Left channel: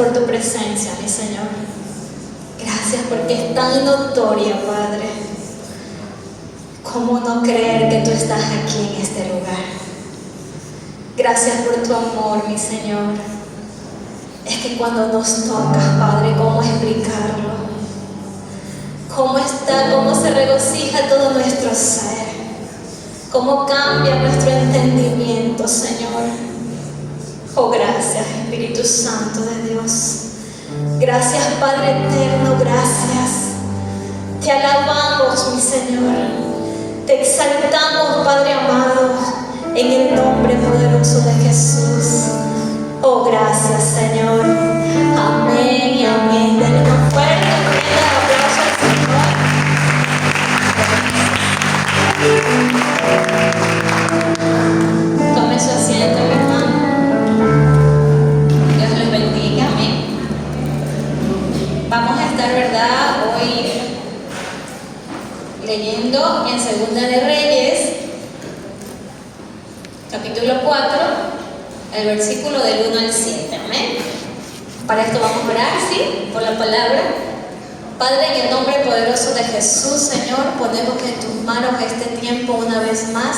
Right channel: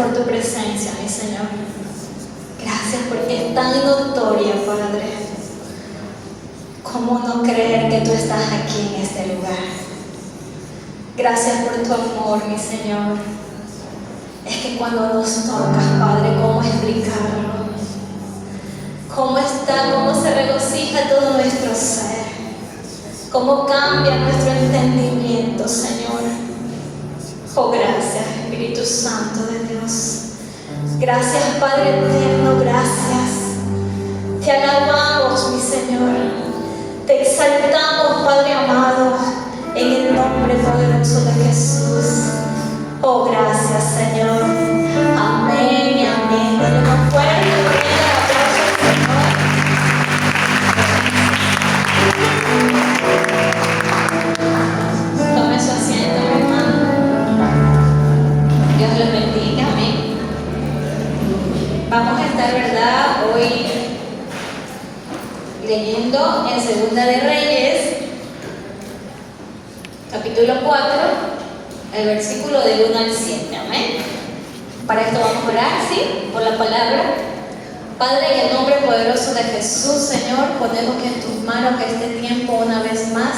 por tu presencia, mi Señor. Gracias porque es tan notoria, Padre. ¿Cómo no creer que tú estás aquí en este lugar? Gracias por tu amor, mi Señor. Es que cuando nos tocas, Padre, ¿cómo explicarlo? ¿Cómo está, cómo se regocija todo nuestro ser? ¿Cómo cambia nuestro entendimiento, Señor? Oh, gracias, Espíritu Santo de Dios. Gracias, Padre eterno, gracias. Te alabamos, mi Señor. Te exaltamos, Padre amado, en el nombre poderoso de Jesús. Oh, gracias, Señor. Amén y amén. Dale un fuerte aplauso al Señor. Tome su asiento, mi hermano. Dios los bendiga. Amén. Vamos a estar, ¿verdad?, hoy leyendo en Segunda de Reyes, capítulo 4, el versículo del 1 al 7. Amén. Para esto vamos a orar, ¿sí?, por la palabra. Padre, en el nombre poderoso de Jesús, Señor, ponemos en tus manos este tiempo una vez más,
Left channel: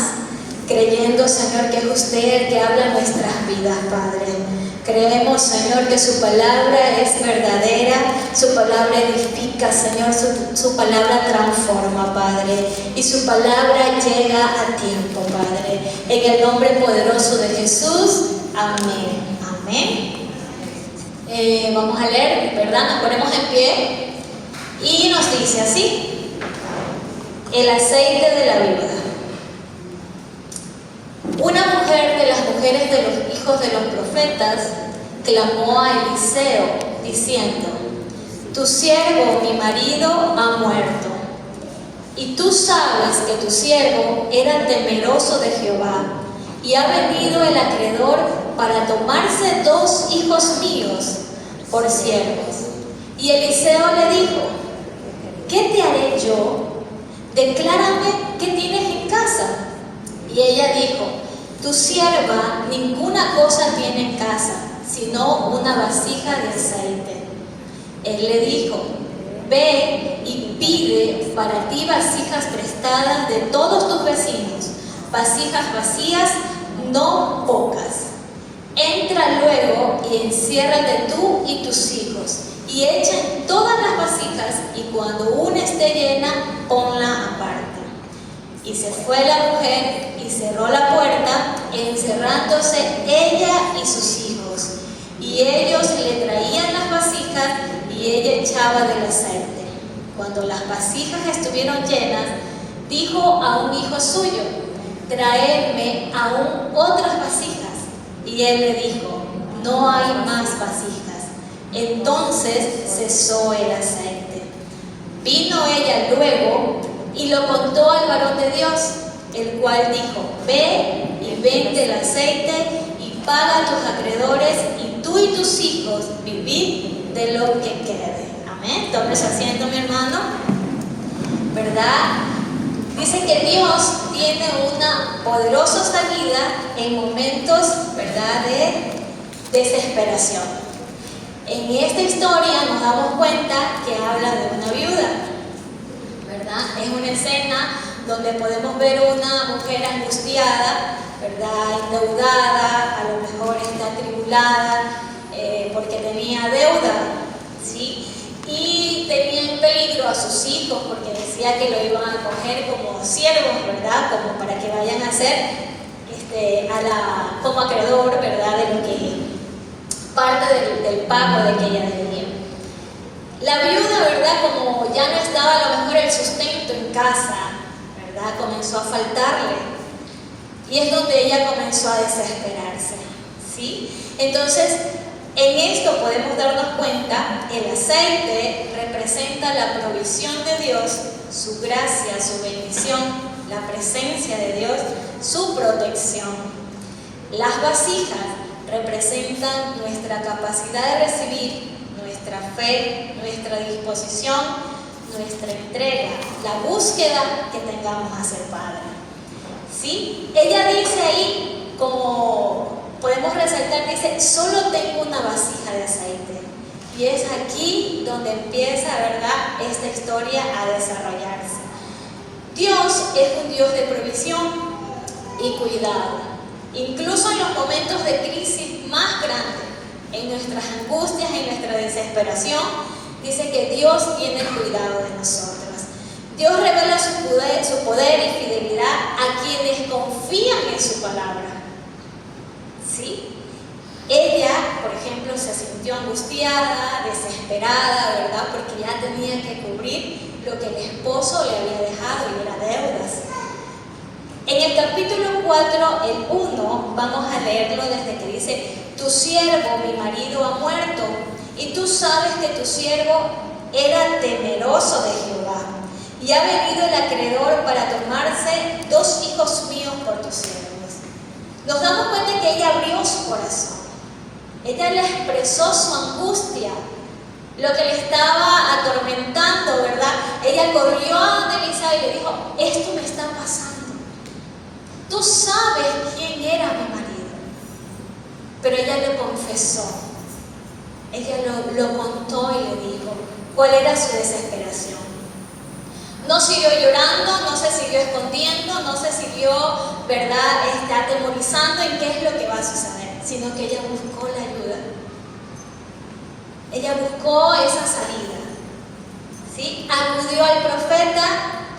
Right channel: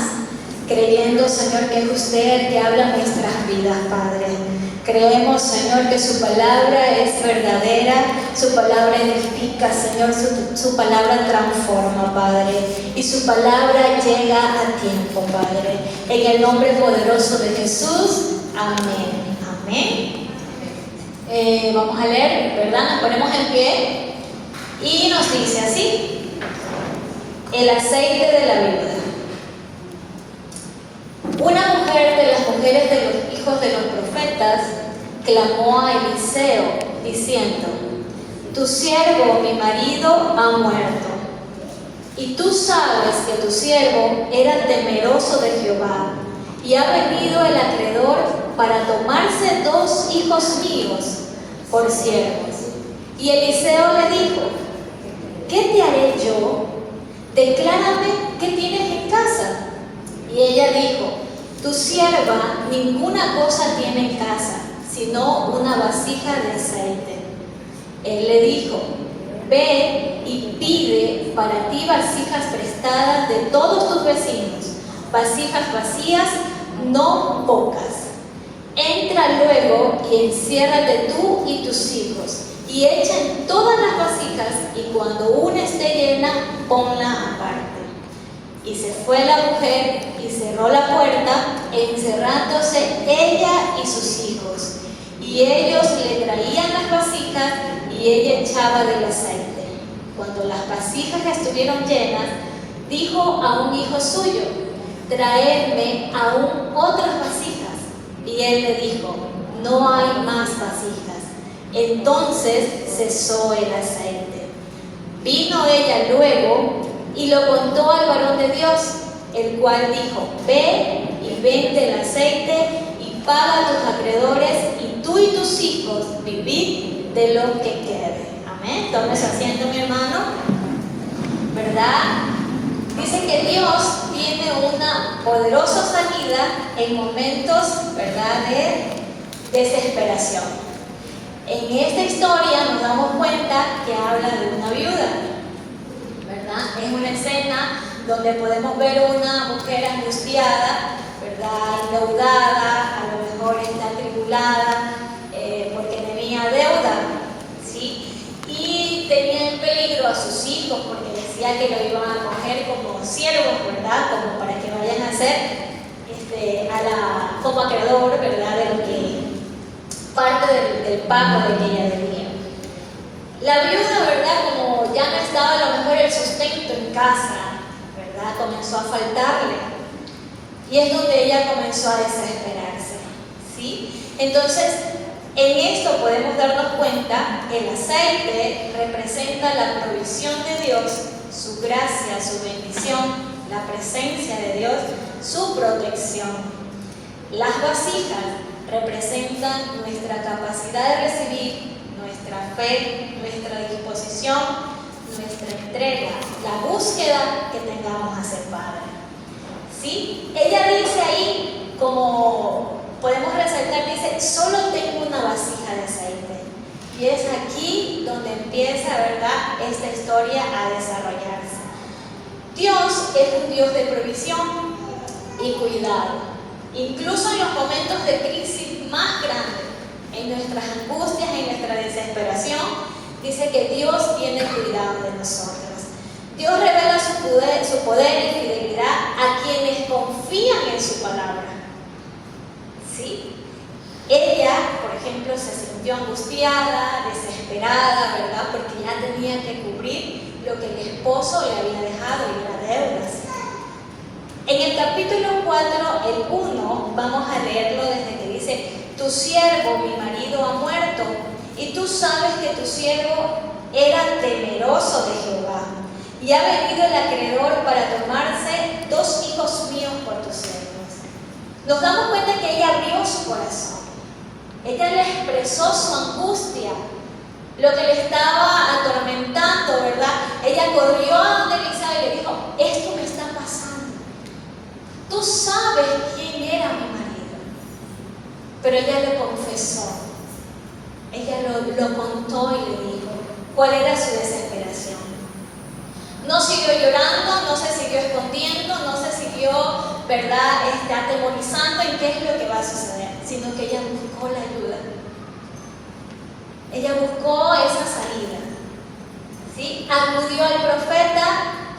creyendo, Señor, que es usted el que habla en nuestras vidas, Padre. Creemos, Señor, que su palabra es verdadera, su palabra edifica, Señor, su palabra transforma, Padre, y su palabra llega a tiempo, Padre. En el nombre poderoso de Jesús, amén. Amén. Vamos a leer, ¿verdad? Nos ponemos en pie y nos dice así: el aceite de la viuda. Una mujer de las mujeres de los hijos de los profetas clamó a Eliseo diciendo: tu siervo, mi marido, ha muerto, y tú sabes que tu siervo era temeroso de Jehová, y ha venido el acreedor para tomarse 2 hijos míos por siervos. Y Eliseo le dijo: ¿qué te haré yo? Declárame qué tienes en casa. Y ella dijo: tu sierva ninguna cosa tiene en casa, sino una vasija de aceite. Él le dijo: ve y pide para ti vasijas prestadas de todos tus vecinos, vasijas vacías, no pocas. Entra luego y enciérrate tú y tus hijos, y echen todas las vasijas, y cuando una esté llena, ponla aparte. Y se fue la mujer y cerró la puerta, encerrándose ella y sus hijos. Y ellos le traían las vasijas y ella echaba del aceite. Cuando las vasijas estuvieron llenas, dijo a un hijo suyo: traedme aún otras vasijas. Y él le dijo: no hay más vasijas. Entonces cesó el aceite. Vino ella luego y lo contó al varón de Dios, el cual dijo: ve y vende el aceite y paga a tus acreedores, y tú y tus hijos vivid de lo que quede. Amén. Tome su asiento, mi hermano. ¿Verdad? Dice que Dios tiene una poderosa salida en momentos, ¿verdad?, de desesperación. En esta historia nos damos cuenta que habla de una viuda, ¿verdad? Es una escena donde podemos ver una mujer angustiada, ¿verdad?, endeudada, a lo mejor está atribulada porque tenía deuda, ¿sí? Y tenía en peligro a sus hijos porque decía que lo iban a coger como siervos, ¿verdad?, como para que vayan a ser como acreedor, ¿verdad?, de lo que parte del pago de que ella debía. La viuda, ¿verdad?, como ya no estaba a lo mejor el sustento en casa, ¿verdad?, comenzó a faltarle, y es donde ella comenzó a desesperarse, ¿sí? Entonces, en esto podemos darnos cuenta, el aceite representa la provisión de Dios, su gracia, su bendición, la presencia de Dios, su protección. Las vasijas representan nuestra capacidad de recibir, nuestra fe, nuestra disposición, nuestra entrega, la búsqueda que tengamos hacia el Padre. ¿Sí? Ella dice ahí, como podemos resaltar, dice: solo tengo una vasija de aceite. Y es aquí donde empieza, ¿verdad?, esta historia a desarrollarse. Dios es un Dios de provisión y cuidado. Incluso en los momentos de crisis más grandes, en nuestras angustias, en nuestra desesperación, dice que Dios tiene cuidado de nosotros. Dios revela su poder y fidelidad a quienes confían en su palabra. ¿Sí? Ella, por ejemplo, se sintió angustiada, desesperada, ¿verdad?, porque ya tenía que cubrir lo que el esposo le había dejado y era deudas. En el capítulo 4, el 1, vamos a leerlo desde que dice: tu siervo, mi marido, ha muerto, y tú sabes que tu siervo era temeroso de Jehová, y ha venido el acreedor para tomarse 2 hijos míos por tus siervos. Nos damos cuenta que ella abrió su corazón. Ella le expresó su angustia, lo que le estaba atormentando, ¿verdad? Ella corrió a donde Eliseo y le dijo: esto me está pasando. Tú sabes quién era mi marido. Pero ella le confesó. Ella lo contó y le dijo cuál era su desesperación. No siguió llorando, no se siguió escondiendo, no se siguió, ¿verdad?, atemorizando en qué es lo que va a suceder, sino que ella buscó la ayuda. Ella buscó esa salida, ¿sí? Acudió al profeta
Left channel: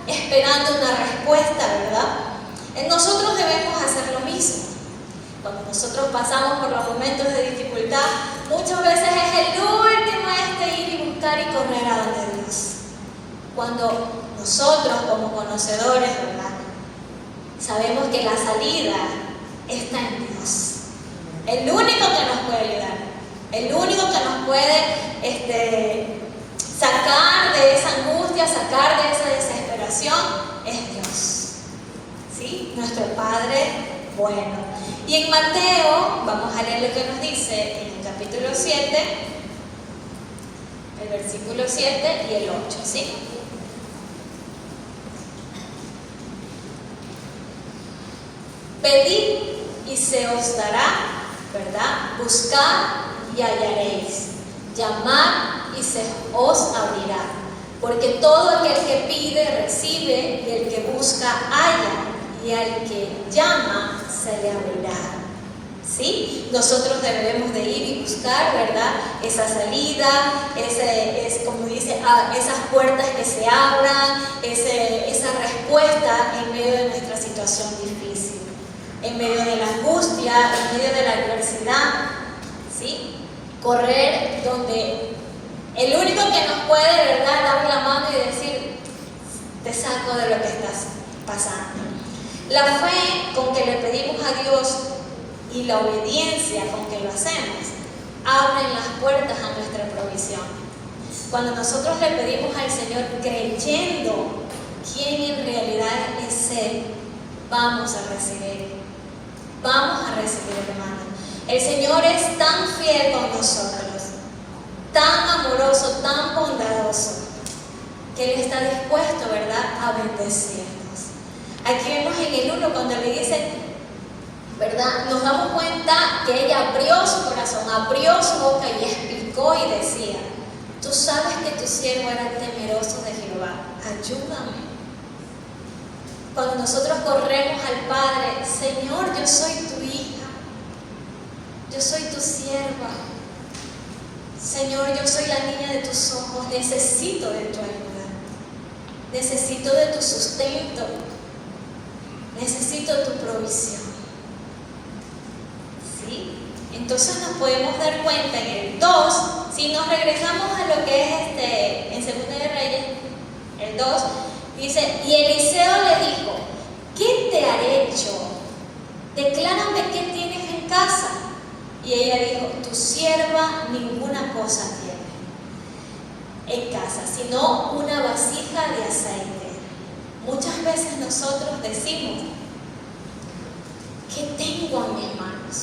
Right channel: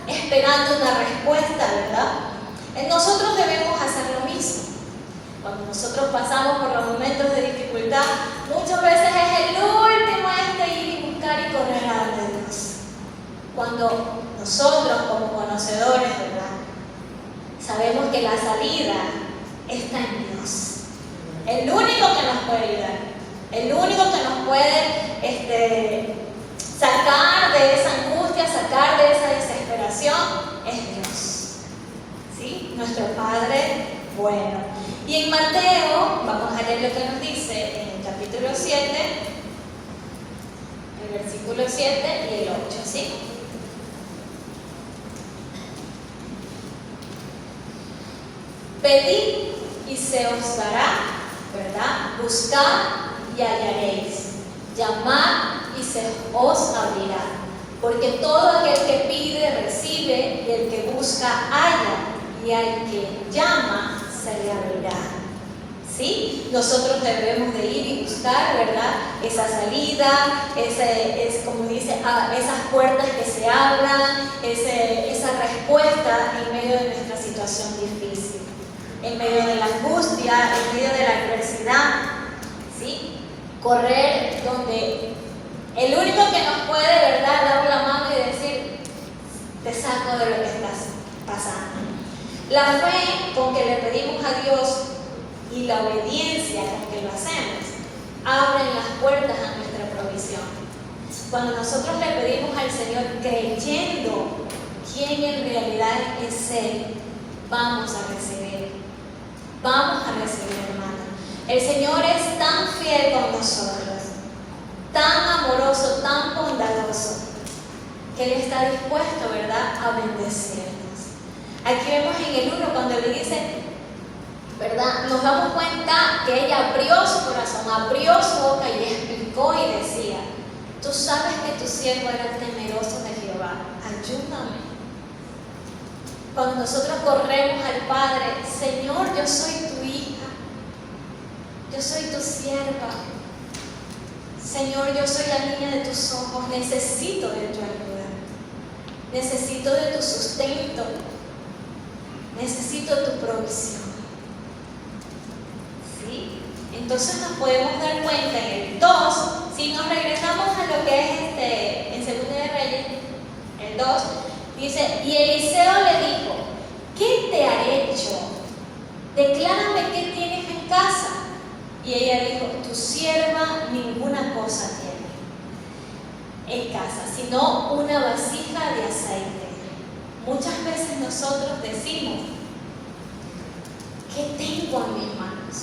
esperando una respuesta, ¿verdad? Nosotros debemos hacer lo mismo. Cuando nosotros pasamos por los momentos de dificultad, muchas veces es el último ir y buscar y correr a donde Dios. Cuando nosotros como conocedores, ¿verdad?, sabemos que la salida está en Dios. El único que nos puede ayudar, el único que nos puede sacar de esa angustia, sacar de esa desesperación, es Dios. ¿Sí? Nuestro Padre bueno. Y en Mateo, vamos a leer lo que nos dice en el capítulo 7, el versículo 7 y el 8, ¿sí? Pedid y se os dará, ¿verdad? Buscad y hallaréis. Llamad y se os abrirá. Porque todo aquel que pide, recibe, y el que busca, halla, y al que llama, se le abrirá. ¿Sí? Nosotros debemos de ir y buscar, ¿verdad?, esa salida, como dice, esas puertas que se abran, esa respuesta en medio de nuestra situación difícil, en medio de la angustia, en medio de la adversidad, ¿sí? Correr donde el único que nos puede, ¿verdad?, dar la mano y decir: te saco de lo que estás pasando. La fe con que le pedimos a Dios y la obediencia con que lo hacemos abren las puertas a nuestra provisión. Cuando nosotros le pedimos al Señor creyendo quién en realidad es Él, vamos a recibir. Vamos a recibir, hermano. El Señor es tan fiel con nosotros, tan amoroso, tan bondadoso, que Él está dispuesto, ¿verdad?, a bendecirnos. Aquí vemos en el 1 cuando le dice, ¿verdad?, nos damos cuenta que ella abrió su corazón, abrió su boca y explicó y decía: tú sabes que tu siervo era temeroso de Jehová, ayúdame. Cuando nosotros corremos al Padre: Señor, yo soy tu hija, yo soy tu sierva, Señor, yo soy la niña de tus ojos, necesito de tu ayuda, necesito de tu sustento, necesito tu provisión. ¿Sí? Entonces nos podemos dar cuenta en el 2, si nos regresamos a lo que es en Segunda de Reyes, el 2, dice: y Eliseo le dijo: ¿qué te ha hecho? Declárame qué tienes en casa. Y ella dijo: tu sierva ninguna cosa tiene en casa, sino una vasija de aceite. Muchas veces nosotros decimos: ¿qué tengo en mis manos?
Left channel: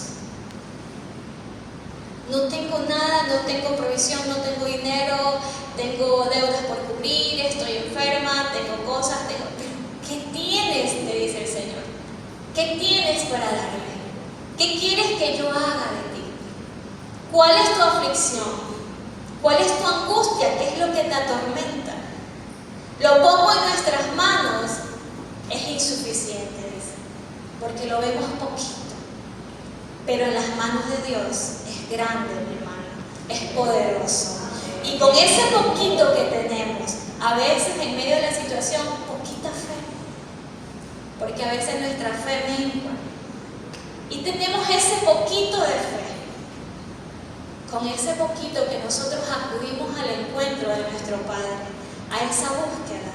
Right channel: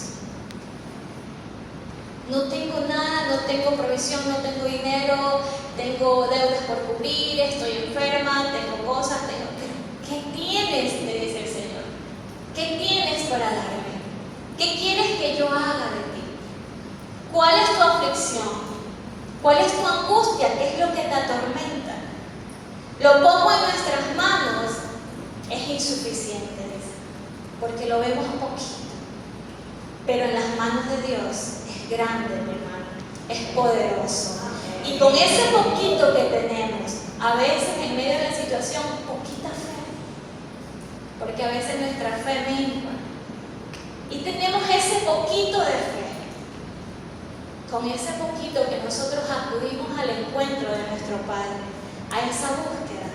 No tengo nada, no tengo provisión, no tengo dinero, tengo deudas por cubrir, estoy enferma, tengo cosas, pero ¿qué tienes?, te dice el Señor. ¿Qué tienes para darme? ¿Qué quieres que yo haga de ti? ¿Cuál es tu aflicción? ¿Cuál es tu angustia? ¿Qué es lo que te atormenta? Lo pongo en nuestras manos es insuficiente, dice, porque lo vemos poquito. Pero en las manos de Dios es grande, mi hermano, es poderoso. Y con ese poquito que tenemos, a veces en medio de la situación, poquita fe, porque a veces nuestra fe mengua. Y tenemos ese poquito de fe. Con ese poquito que nosotros acudimos al encuentro de nuestro Padre, a esa búsqueda,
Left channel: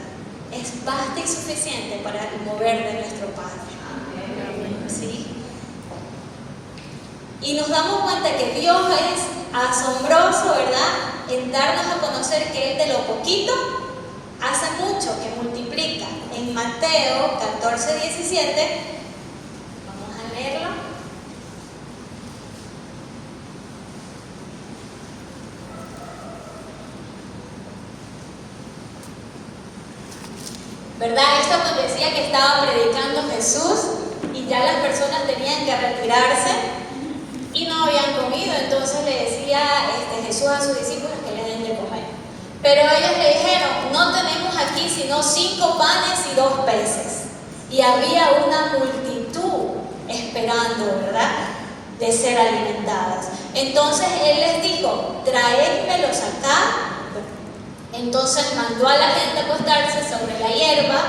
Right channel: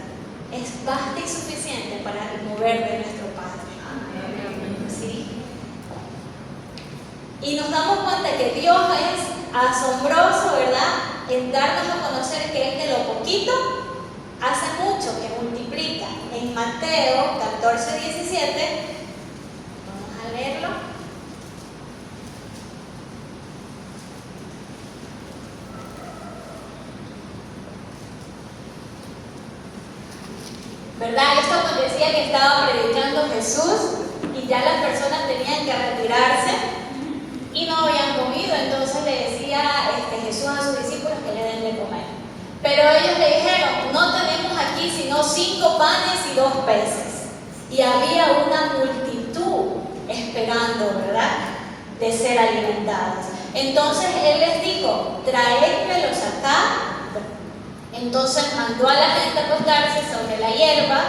es basta y suficiente para el mover de nuestro Padre. ¿Sí? Y nos damos cuenta que Dios es asombroso, ¿verdad? En darnos a conocer que Él de lo poquito hace mucho, que multiplica. En Mateo 14:17, vamos a leerlo. ¿Verdad? Esto acontecía que estaba predicando Jesús y ya las personas tenían que retirarse y no habían comido. Entonces le decía Jesús a sus discípulos que le den de comer. Pero ellos le dijeron, no tenemos aquí sino 5 panes y 2 peces. Y había una multitud esperando, ¿verdad?, de ser alimentados. Entonces Él les dijo, traédmelos acá. Entonces mandó a la gente a acostarse sobre la hierba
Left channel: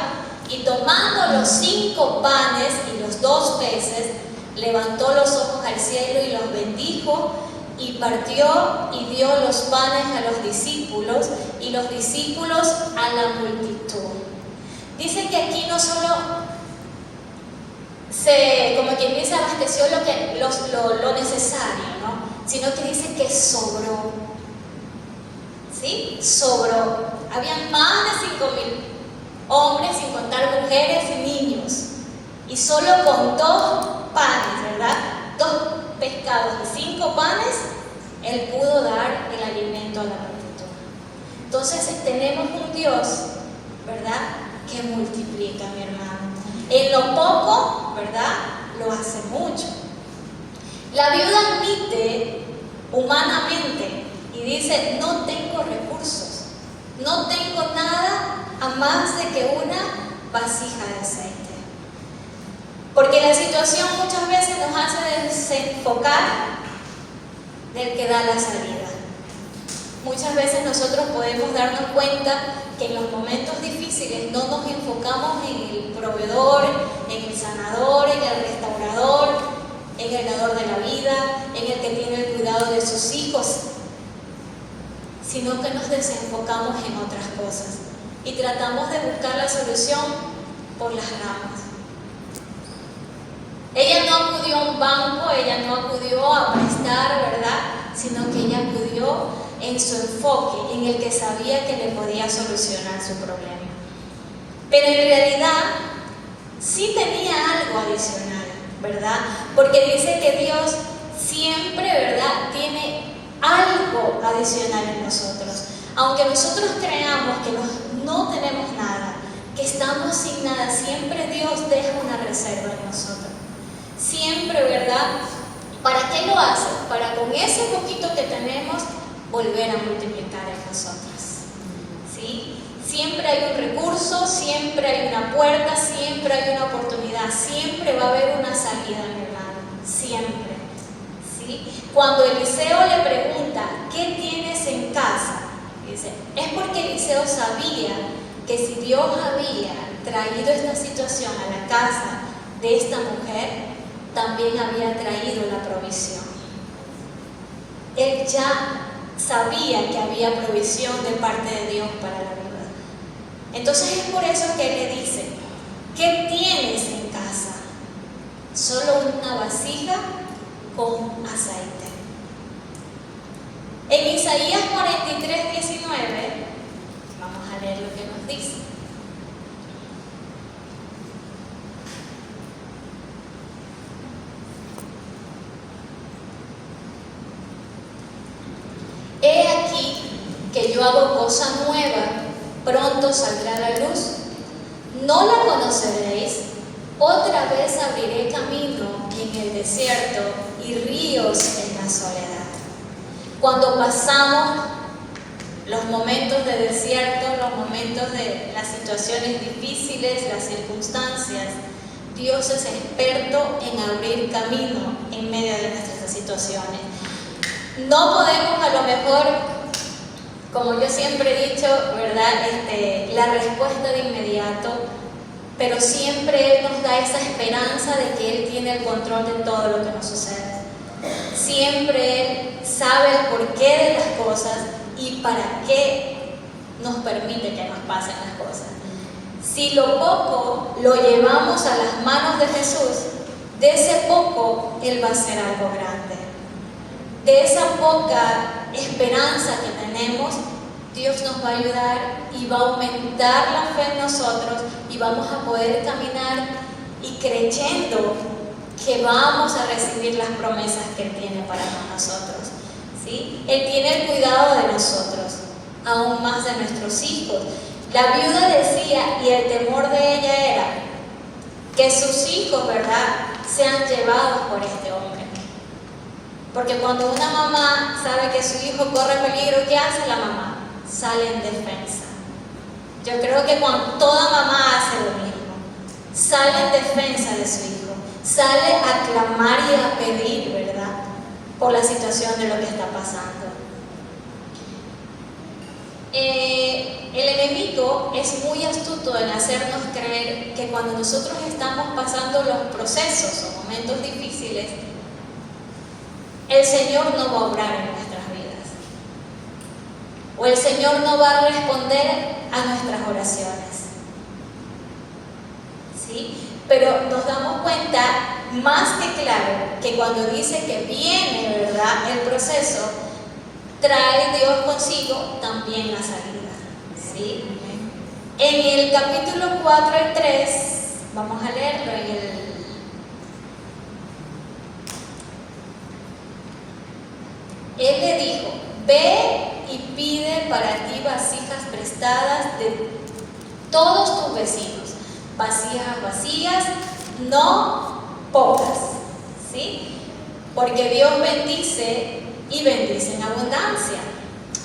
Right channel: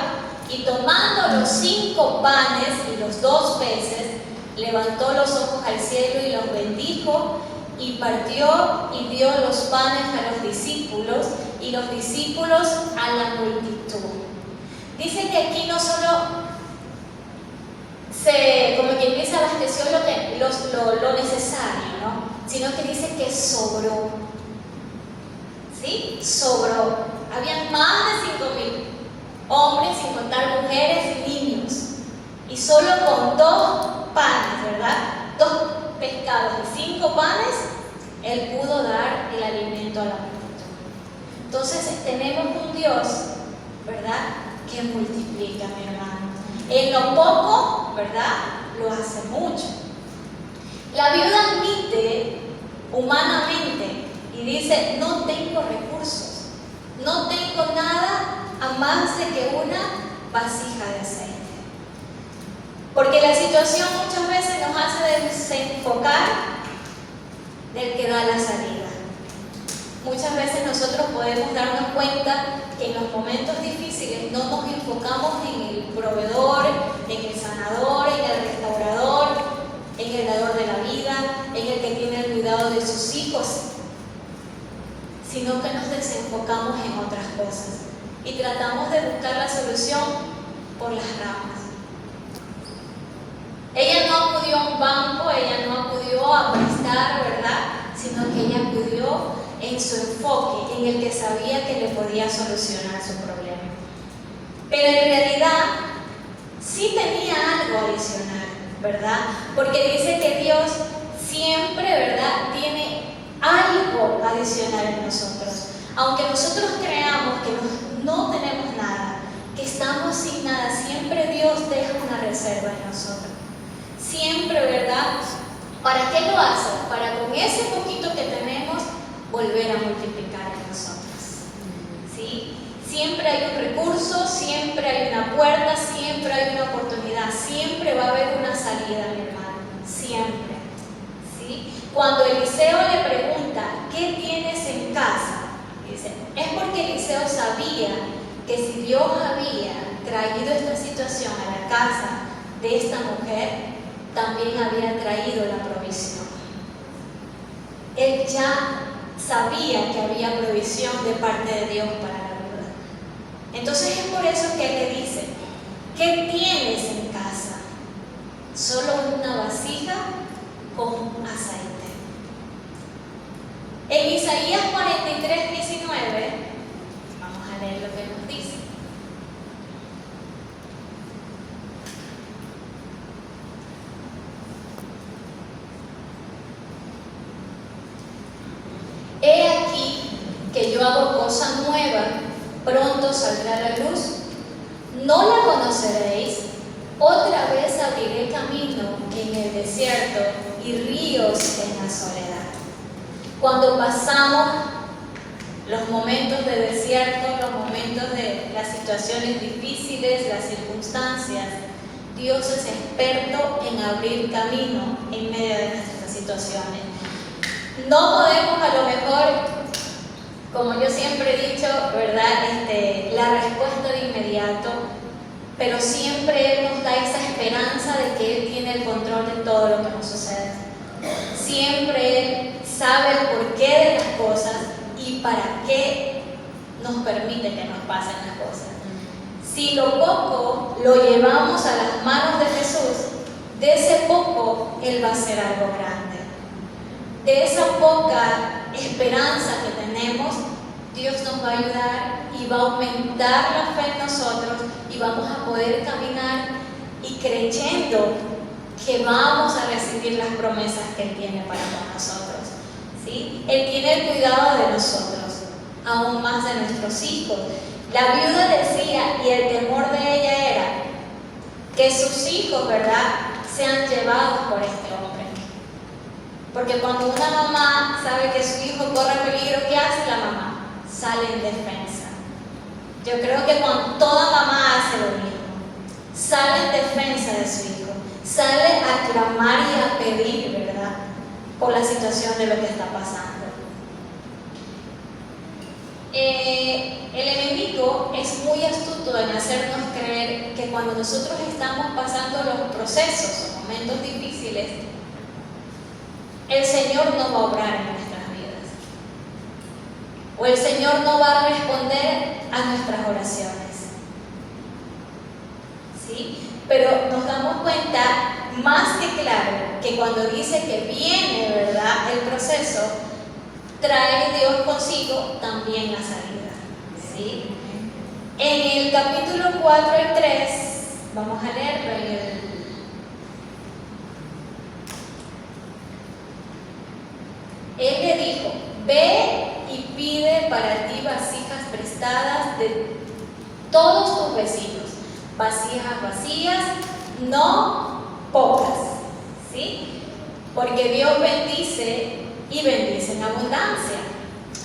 y tomando los 5 panes y los 2 peces, levantó los ojos al cielo y los bendijo y partió y dio los panes a los discípulos y los discípulos a la multitud. Dice que aquí no solo como quien dice, abasteció lo necesario, ¿no?, sino que dice que sobró. ¿Sí? Sobró. Habían más de 5,000 hombres, sin contar mujeres y niños. Y solo con 2 panes, ¿verdad?, 2 pescados y 5 panes, Él pudo dar el alimento a la multitud. Entonces tenemos un Dios, ¿verdad?, que multiplica, mi hermano. En lo poco, ¿verdad?, lo hace mucho. La viuda admite humanamente y dice, no tengo recursos, no tengo nada a más de que una vasija de aceite. Porque la situación muchas veces nos hace desenfocar del que da la salida. Muchas veces nosotros podemos darnos cuenta que en los momentos difíciles no nos enfocamos en el proveedor, en el sanador, en el restaurador, en el dador de la vida, en el que tiene el cuidado de sus hijos, sino que nos desenfocamos en otras cosas y tratamos de buscar la solución por las ramas. Ella no acudió a un banco, ella no acudió a prestar, ¿verdad?, sino que ella acudió en su enfoque, en el que sabía que le podía solucionar su problema. Pero en realidad sí tenía algo adicional, ¿verdad? Porque dice que Dios siempre, ¿verdad?, tiene algo adicional en nosotros. Aunque nosotros creamos que no tenemos nada, que estamos sin nada, siempre Dios deja una reserva en nosotros. Siempre, ¿verdad? ¿Para qué lo hace? Para con ese poquito que tenemos volver a multiplicar en nosotros. ¿Sí? Siempre hay un recurso, siempre hay una puerta, siempre hay una oportunidad, siempre va a haber una salida, mi hermano. Siempre. ¿Sí? Cuando Eliseo le pregunta, ¿qué tienes en casa?, dice, es porque Eliseo sabía que si Dios había traído esta situación a la casa de esta mujer, también había traído la provisión. Él ya sabía que había provisión de parte de Dios para la viuda. Entonces es por eso que él le dice, ¿qué tienes en casa? Solo una vasija con aceite. En Isaías 43:19, vamos a leer lo que nos dice. He aquí que yo hago cosa nueva, pronto saldrá a la luz. No la conoceréis, otra vez abriré camino en el desierto y ríos en la soledad. Cuando pasamos los momentos de desierto, los momentos de las situaciones difíciles, las circunstancias. Dios es experto en abrir camino en medio de nuestras situaciones. No podemos a lo mejor, como yo siempre he dicho, ¿verdad? La respuesta de inmediato, pero siempre Él nos da esa esperanza de que Él tiene el control de todo lo que nos sucede. Siempre Él sabe el porqué de las cosas y para qué nos permite que nos pasen las cosas. Si lo poco lo llevamos a las manos de Jesús, de ese poco Él va a hacer algo grande. De esa poca esperanza que tenemos, Dios nos va a ayudar y va a aumentar la fe en nosotros y vamos a poder caminar y creyendo que vamos a recibir las promesas que Él tiene para nosotros. ¿Sí? Él tiene el cuidado de nosotros, aún más de nuestros hijos. La viuda decía, y el temor de ella era, que sus hijos, ¿verdad?, sean llevados por este hombre. Porque cuando una mamá sabe que su hijo corre peligro, ¿qué hace la mamá? Sale en defensa. Yo creo que toda mamá hace lo mismo. Sale en defensa de su hijo. Sale a clamar y a pedir, ¿verdad?, por la situación de lo que está pasando. El enemigo es muy astuto en hacernos creer que cuando nosotros estamos pasando los procesos o momentos difíciles, el Señor no va a obrar en nuestras vidas. O el Señor no va a responder a nuestras oraciones. ¿Sí? Pero nos damos cuenta más que claro que cuando dice que viene, ¿verdad?, el proceso, trae Dios consigo también la salida. ¿Sí? En el capítulo 4 al 3, vamos a leerlo Él le dijo, ve y pide para ti vasijas prestadas de todos tus vecinos, vasijas vacías, no pocas, ¿sí? Porque Dios bendice y bendice en abundancia.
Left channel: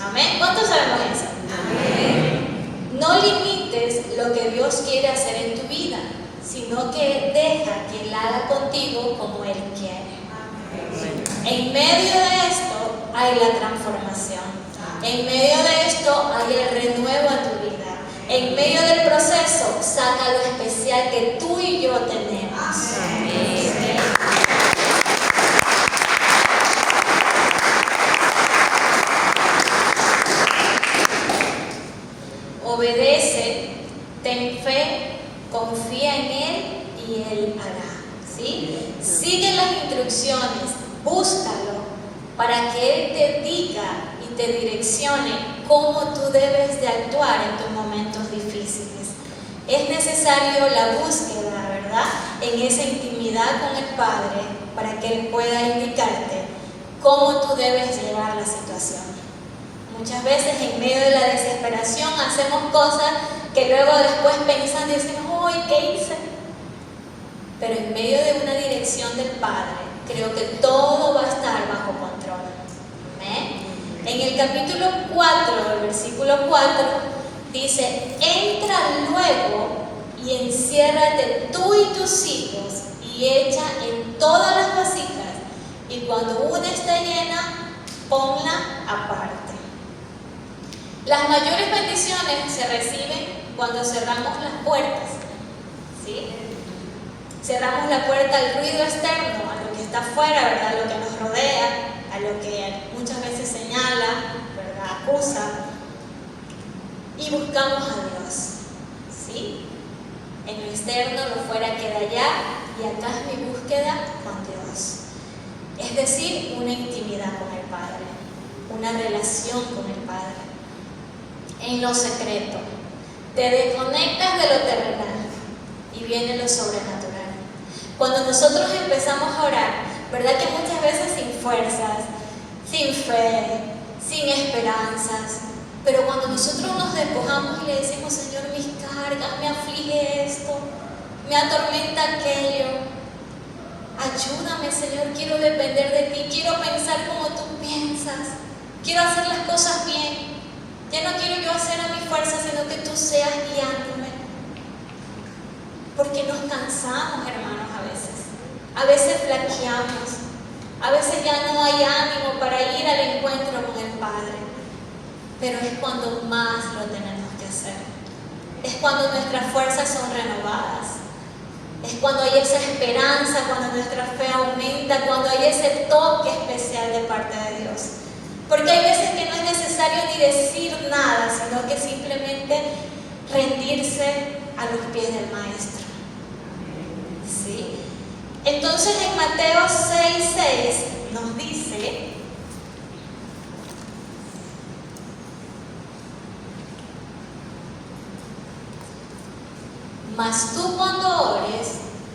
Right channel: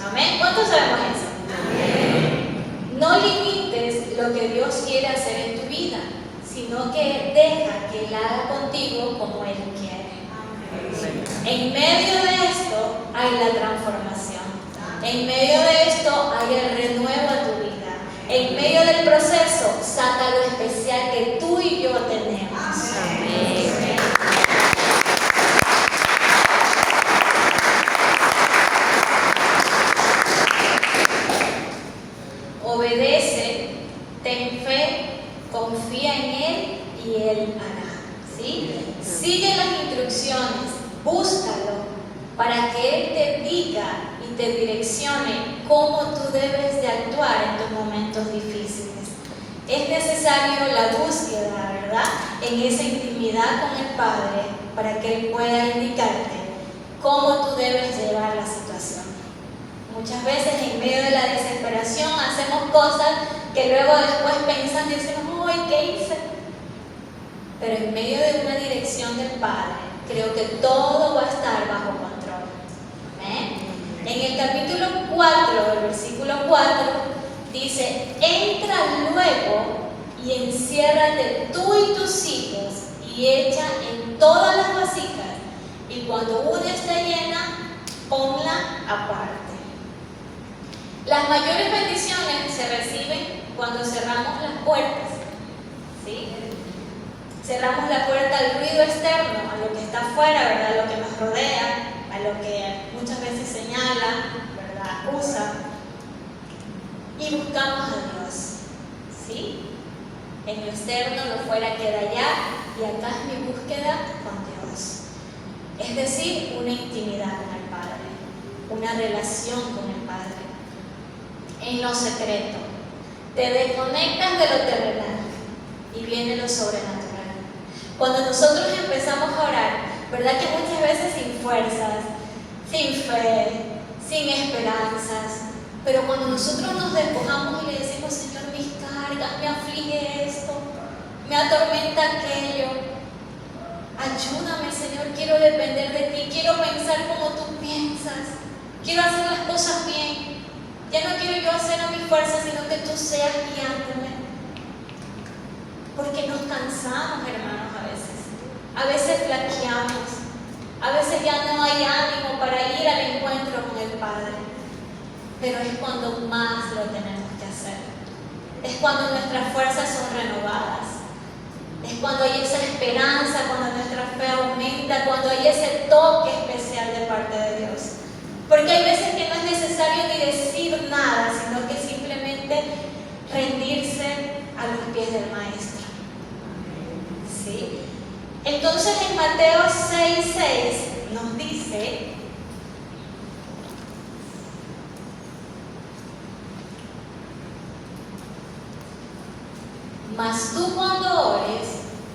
Amén. ¿Cuántos sabemos eso? Amén. No limites lo que Dios quiere hacer en tu vida, sino que deja que Él haga contigo como Él quiere. Amén. En medio de esto hay la transformación. En medio de esto hay el renuevo a tu vida. En medio del proceso saca lo especial que tú y yo tenemos. Amén. Obedece, ten fe, confía en Él y Él hará. ¿Sí? Sigue las instrucciones, búscalo para que Él te diga y te direccione cómo tú debes de actuar en tus momentos difíciles. Es necesario la búsqueda, ¿verdad?, en esa intimidad con el Padre para que Él pueda indicarte cómo tú debes llevar la situación. Muchas veces en medio de la desesperación hacemos cosas que luego después pensando y decimos, ¡ay, qué hice! Pero en medio de una dirección del Padre, creo que todo va a estar bajo control. ¿Amén? En el capítulo 4, el versículo 4, dice, entra luego y enciérrate tú y tus hijos y echa en todas las vasijas, y cuando una esté llena, ponla aparte. Las mayores bendiciones se reciben cuando cerramos las puertas, ¿sí? Cerramos la puerta al ruido externo, a lo que está afuera, ¿verdad?, a lo que nos rodea, a lo que muchas veces señala, ¿verdad?, acusa, y buscamos a Dios, ¿sí? En lo externo, lo fuera queda allá, y acá es mi búsqueda con Dios. Es decir, una intimidad con el Padre, una relación con el Padre. En lo secreto, te desconectas de lo terrenal y viene lo sobrenatural. Cuando nosotros empezamos a orar, ¿verdad que muchas veces sin fuerzas, sin fe, sin esperanzas? Pero cuando nosotros nos despojamos y le decimos, Señor, mis cargas, me aflige esto, me atormenta aquello, ayúdame, Señor, quiero depender de ti, quiero pensar como tú piensas, quiero hacer las cosas bien. Ya no quiero yo hacer a mi fuerza, sino que tú seas guiándome. Porque nos cansamos, hermanos, a veces. A veces flaqueamos. A veces ya no hay ánimo para ir al encuentro con el Padre. Pero es cuando más lo tenemos que hacer. Es cuando nuestras fuerzas son renovadas. Es cuando hay esa esperanza, cuando nuestra fe aumenta, cuando hay ese toque especial de parte de Dios. Porque hay veces que no es necesario ni decir nada, sino que simplemente rendirse a los pies del Maestro. ¿Sí? Entonces en Mateo 6:6 nos dice: mas tú cuando ores,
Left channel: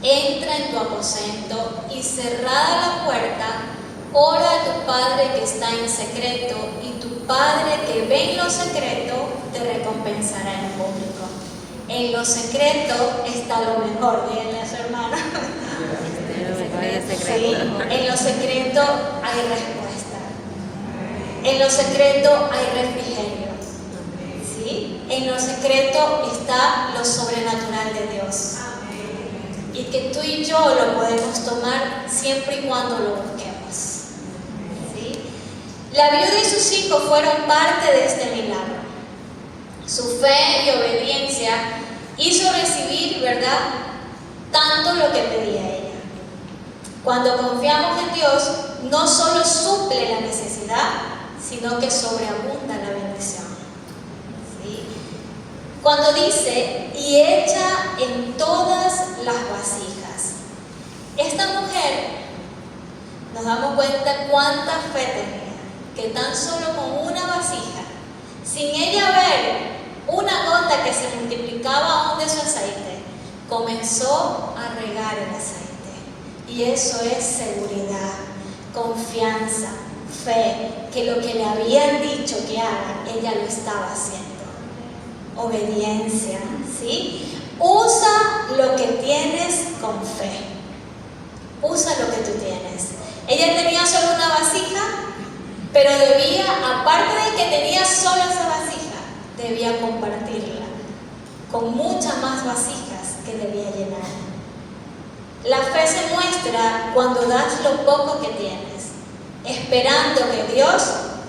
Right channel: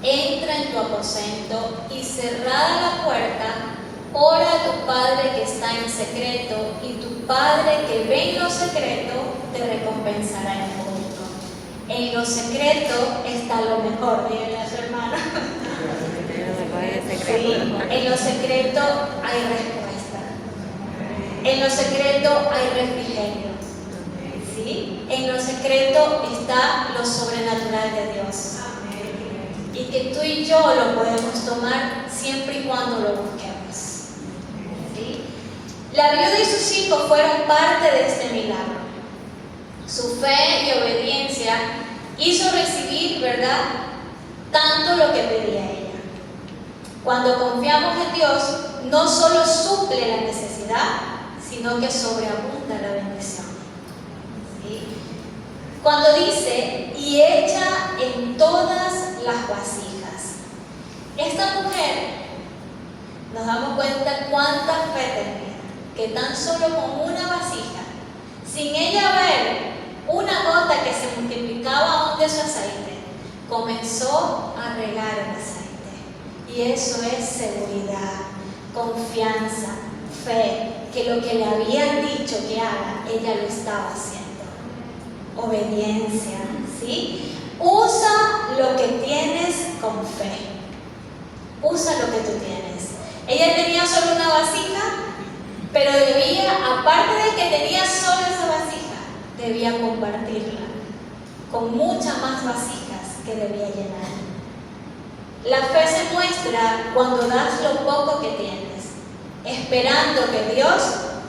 entra en tu aposento y cerrada la puerta, ora a tu Padre que está en secreto, y tu Padre que ve en lo secreto te recompensará en público. En lo secreto está lo mejor, díganle a su hermano. Sí, en lo secreto hay respuesta. En lo secreto hay refrigerio. ¿Sí? En lo secreto está lo sobrenatural de Dios. Y que tú y yo lo podemos tomar siempre y cuando lo busquemos. ¿Sí? La viuda y sus hijos fueron parte de este milagro. Su fe y obediencia hizo recibir, ¿verdad?, tanto lo que pedía ella. Cuando confiamos en Dios, no solo suple la necesidad, sino que sobreabunda la bendición. ¿Sí? Cuando dice, y echa en todas las vasijas. Esta mujer, nos damos cuenta cuánta fe tenía, que tan solo con una vasija, sin ella ver una gota que se multiplicaba aún de su aceite, comenzó a regar el aceite. Y eso es seguridad, confianza, fe, que lo que le habían dicho que haga, ella lo estaba haciendo. Obediencia, ¿sí? Usa lo que tienes con fe. Usa lo que tú tienes. Ella tenía solo una vasija, pero debía, aparte de que tenía solo esa vasija, debía compartirla con muchas más vasijas que debía llenar. La fe se muestra cuando das lo poco que tienes, esperando que Dios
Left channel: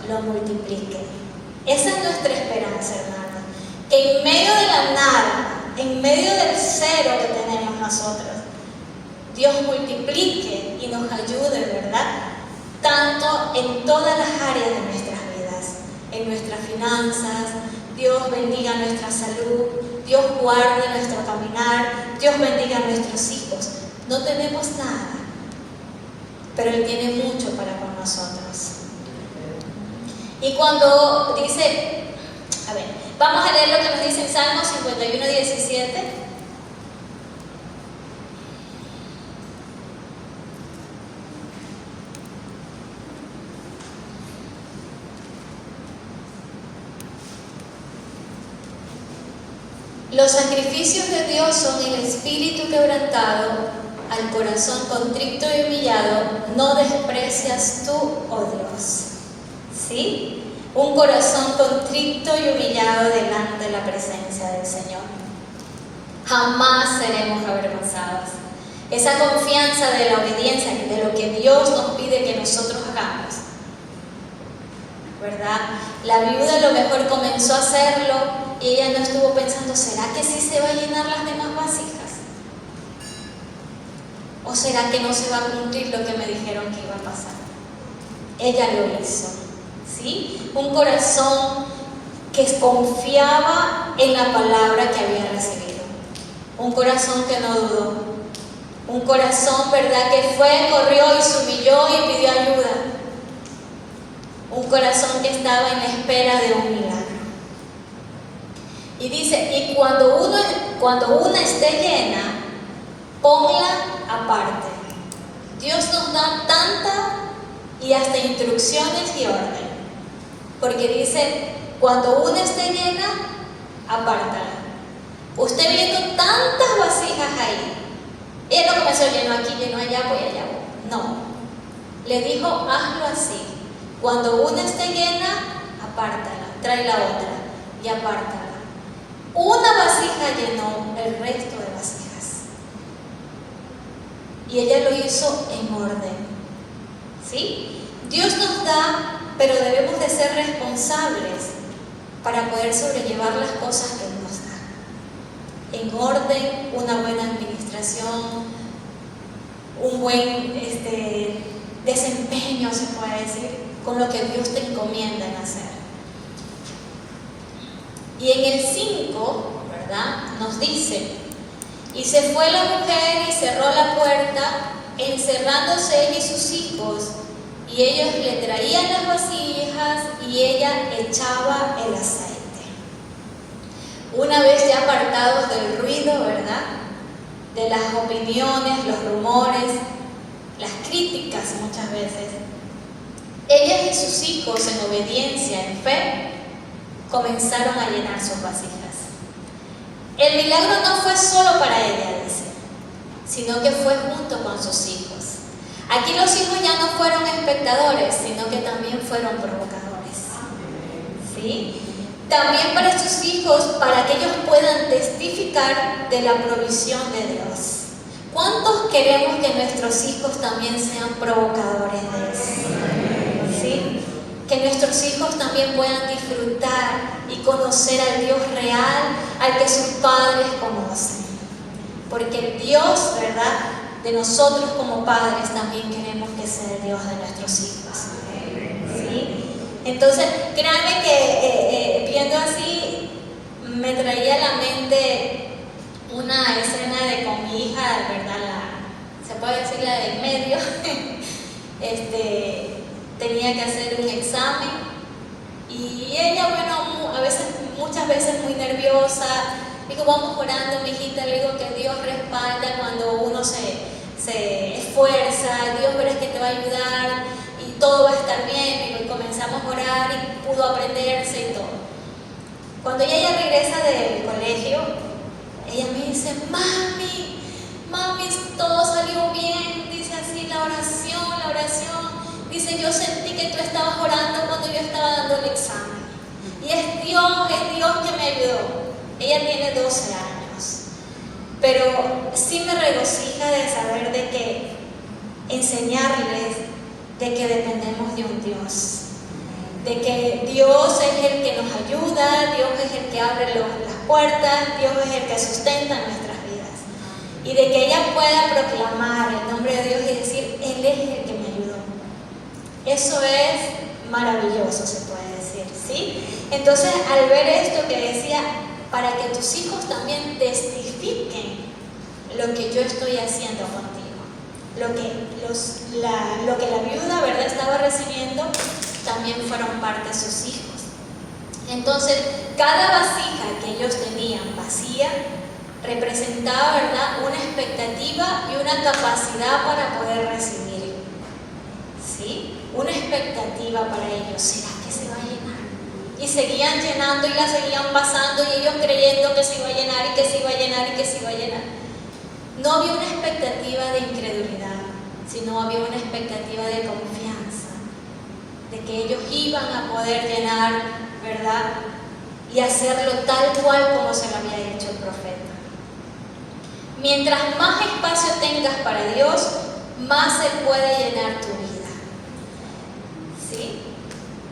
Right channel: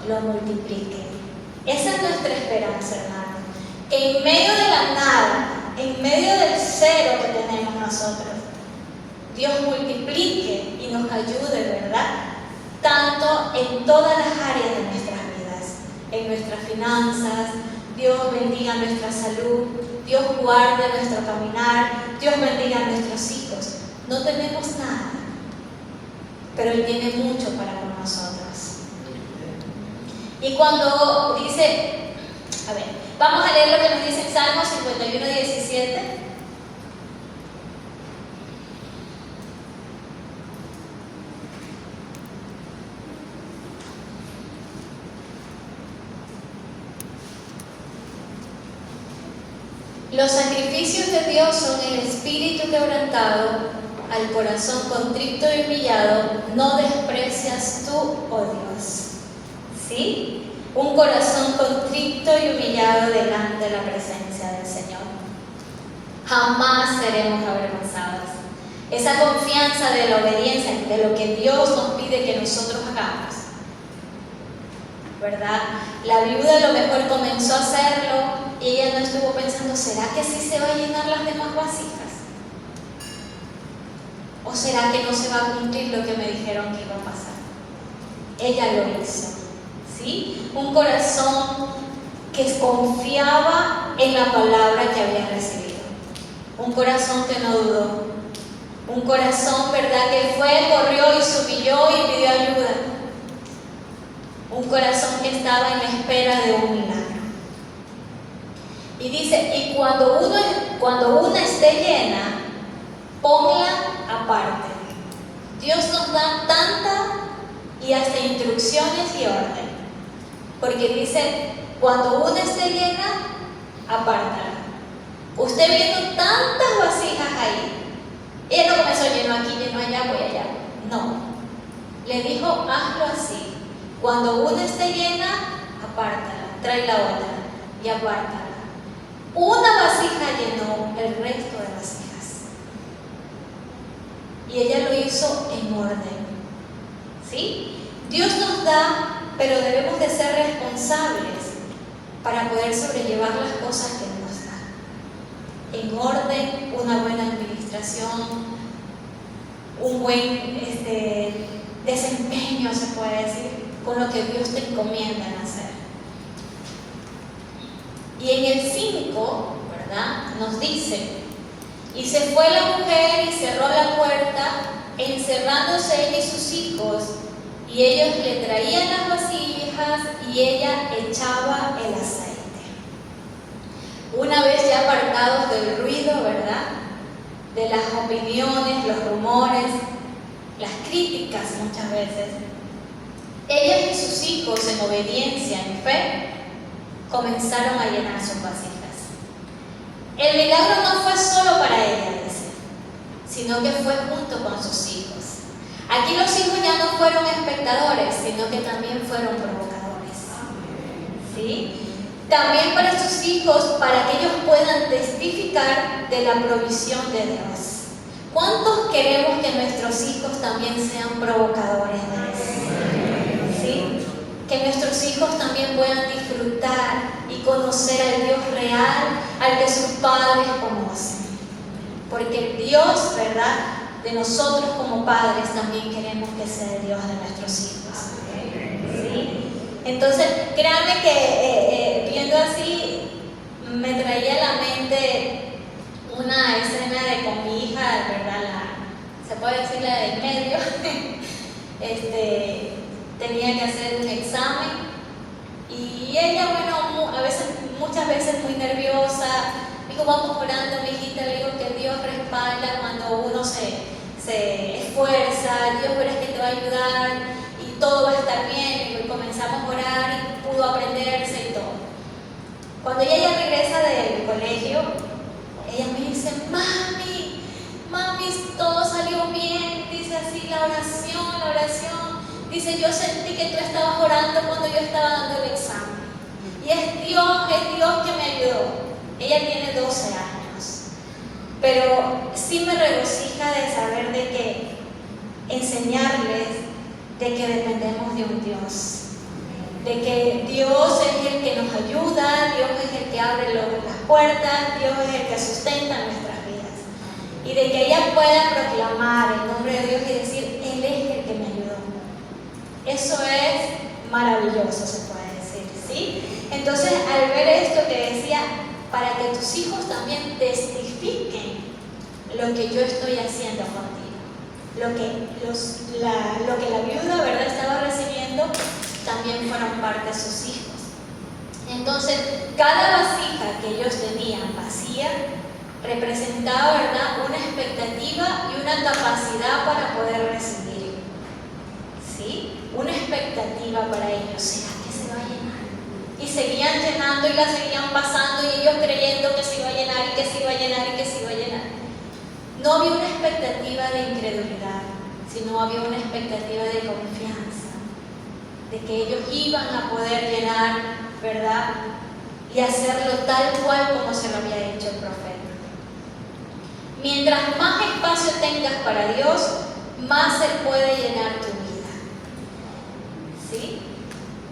lo multiplique. Esa es nuestra esperanza, hermano. Que en medio de la nada, en medio del cero que tenemos nosotros, Dios multiplique y nos ayude, ¿verdad? Tanto en todas las áreas de nuestras vidas, en nuestras finanzas. Dios bendiga nuestra salud, Dios guarde nuestro caminar, Dios bendiga a nuestros hijos. No tenemos nada, pero Él tiene mucho para con nosotros. Y cuando dice, a ver, vamos a leer lo que nos dice en Salmo 51:17. Los sacrificios de Dios son el espíritu quebrantado, al corazón contrito y humillado, no desprecias tú, oh Dios. ¿Sí? Un corazón contrito y humillado delante de la presencia del Señor. Jamás seremos avergonzados. Esa confianza de la obediencia, de lo que Dios nos pide que nosotros hagamos, ¿verdad? La viuda a lo mejor comenzó a hacerlo y ella no estuvo pensando, ¿será que sí se va a llenar las demás vasijas? ¿O será que no se va a cumplir lo que me dijeron que iba a pasar? Ella lo hizo, ¿sí? Un corazón que confiaba en la palabra que había recibido. Un corazón que no dudó. Un corazón, ¿verdad?, que fue, corrió y se humilló y pidió ayuda. Un corazón que estaba en espera de un milagro. Y dice, y cuando una esté llena, ponla aparte. Dios nos da tanta y hasta instrucciones y orden. Porque dice, cuando una esté llena, apártala. Usted viendo tantas vasijas ahí, ella no comenzó lleno aquí, lleno allá, voy allá. No. Le dijo, hazlo así. Cuando una esté llena, apártala, trae la otra. y apártala. Una vasija llenó el resto de vasijas. Y ella lo hizo en orden. ¿Sí? Dios nos da, pero debemos de ser responsables para poder sobrellevar las cosas que nos da. En orden, una buena administración, un buen desempeño, se puede decir, con lo que Dios te encomienda en hacer. Y en el 5, ¿verdad?, nos dice: y se fue la mujer y cerró la puerta, encerrándose ella y sus hijos, y ellos le traían las vasijas y ella echaba el aceite. Una vez ya apartados del ruido, ¿verdad?, de las opiniones, los rumores, las críticas muchas veces, ellas y sus hijos, en obediencia, en fe, comenzaron a llenar sus vasijas. El milagro no fue solo para ella, dice, sino que fue junto con sus hijos. Aquí los hijos ya no fueron espectadores, sino que también fueron provocadores. ¿Sí? También para estos hijos, para que ellos puedan testificar de la provisión de Dios. ¿Cuántos queremos que nuestros hijos también sean provocadores de Dios? ¿Sí? Que nuestros hijos también puedan disfrutar y conocer al Dios real, al que sus padres conocen. Porque el Dios, ¿verdad?, de nosotros como padres también queremos que sea el Dios de nuestros hijos. ¿Sí? Entonces, créanme que viendo así, me traía a la mente una escena de con mi hija, ¿verdad? Se puede decir la de en medio. Tenía que hacer un examen y ella, bueno, muchas veces muy nerviosa. Digo, vamos orando, mi hijita, le digo que Dios respalda cuando uno se esfuerza, Dios verás que te va a ayudar y todo va a estar bien. Y comenzamos a orar y pudo aprenderse y todo. Cuando ella regresa del colegio, ella me dice: mami, todo salió bien. Dice así, la oración. Dice, yo sentí que tú estabas orando cuando yo estaba dando el examen. Y es Dios que me ayudó. Ella tiene 12 años. Pero sí me regocija de saber de que enseñarles de que dependemos de un Dios. De que Dios es el que nos ayuda, Dios es el que abre las puertas, Dios es el que sustenta nuestras vidas. Y de que ella pueda proclamar el nombre de Dios y decir, Él es el que me ayudó. Eso es maravilloso, se puede decir, ¿sí? Entonces, al ver esto que decía, para que tus hijos también testifiquen lo que yo estoy haciendo contigo, lo que la viuda, ¿verdad?, estaba recibiendo, también fueron parte de sus hijos. Entonces, cada vasija que ellos tenían vacía representaba, ¿verdad?, una expectativa y una capacidad para poder recibir. ¿Sí? Una expectativa para ellos. ¿Será que se va a llenar? Y seguían llenando y la seguían pasando y ellos creyendo que se iba a llenar y que se iba a llenar y que se iba a llenar. No había una expectativa de incredulidad, sino había una expectativa de confianza, de que ellos iban a poder llenar, ¿verdad?, y hacerlo tal cual como se lo había dicho el profeta. Mientras más espacio tengas para Dios, más se puede llenar tu vida. ¿Sí?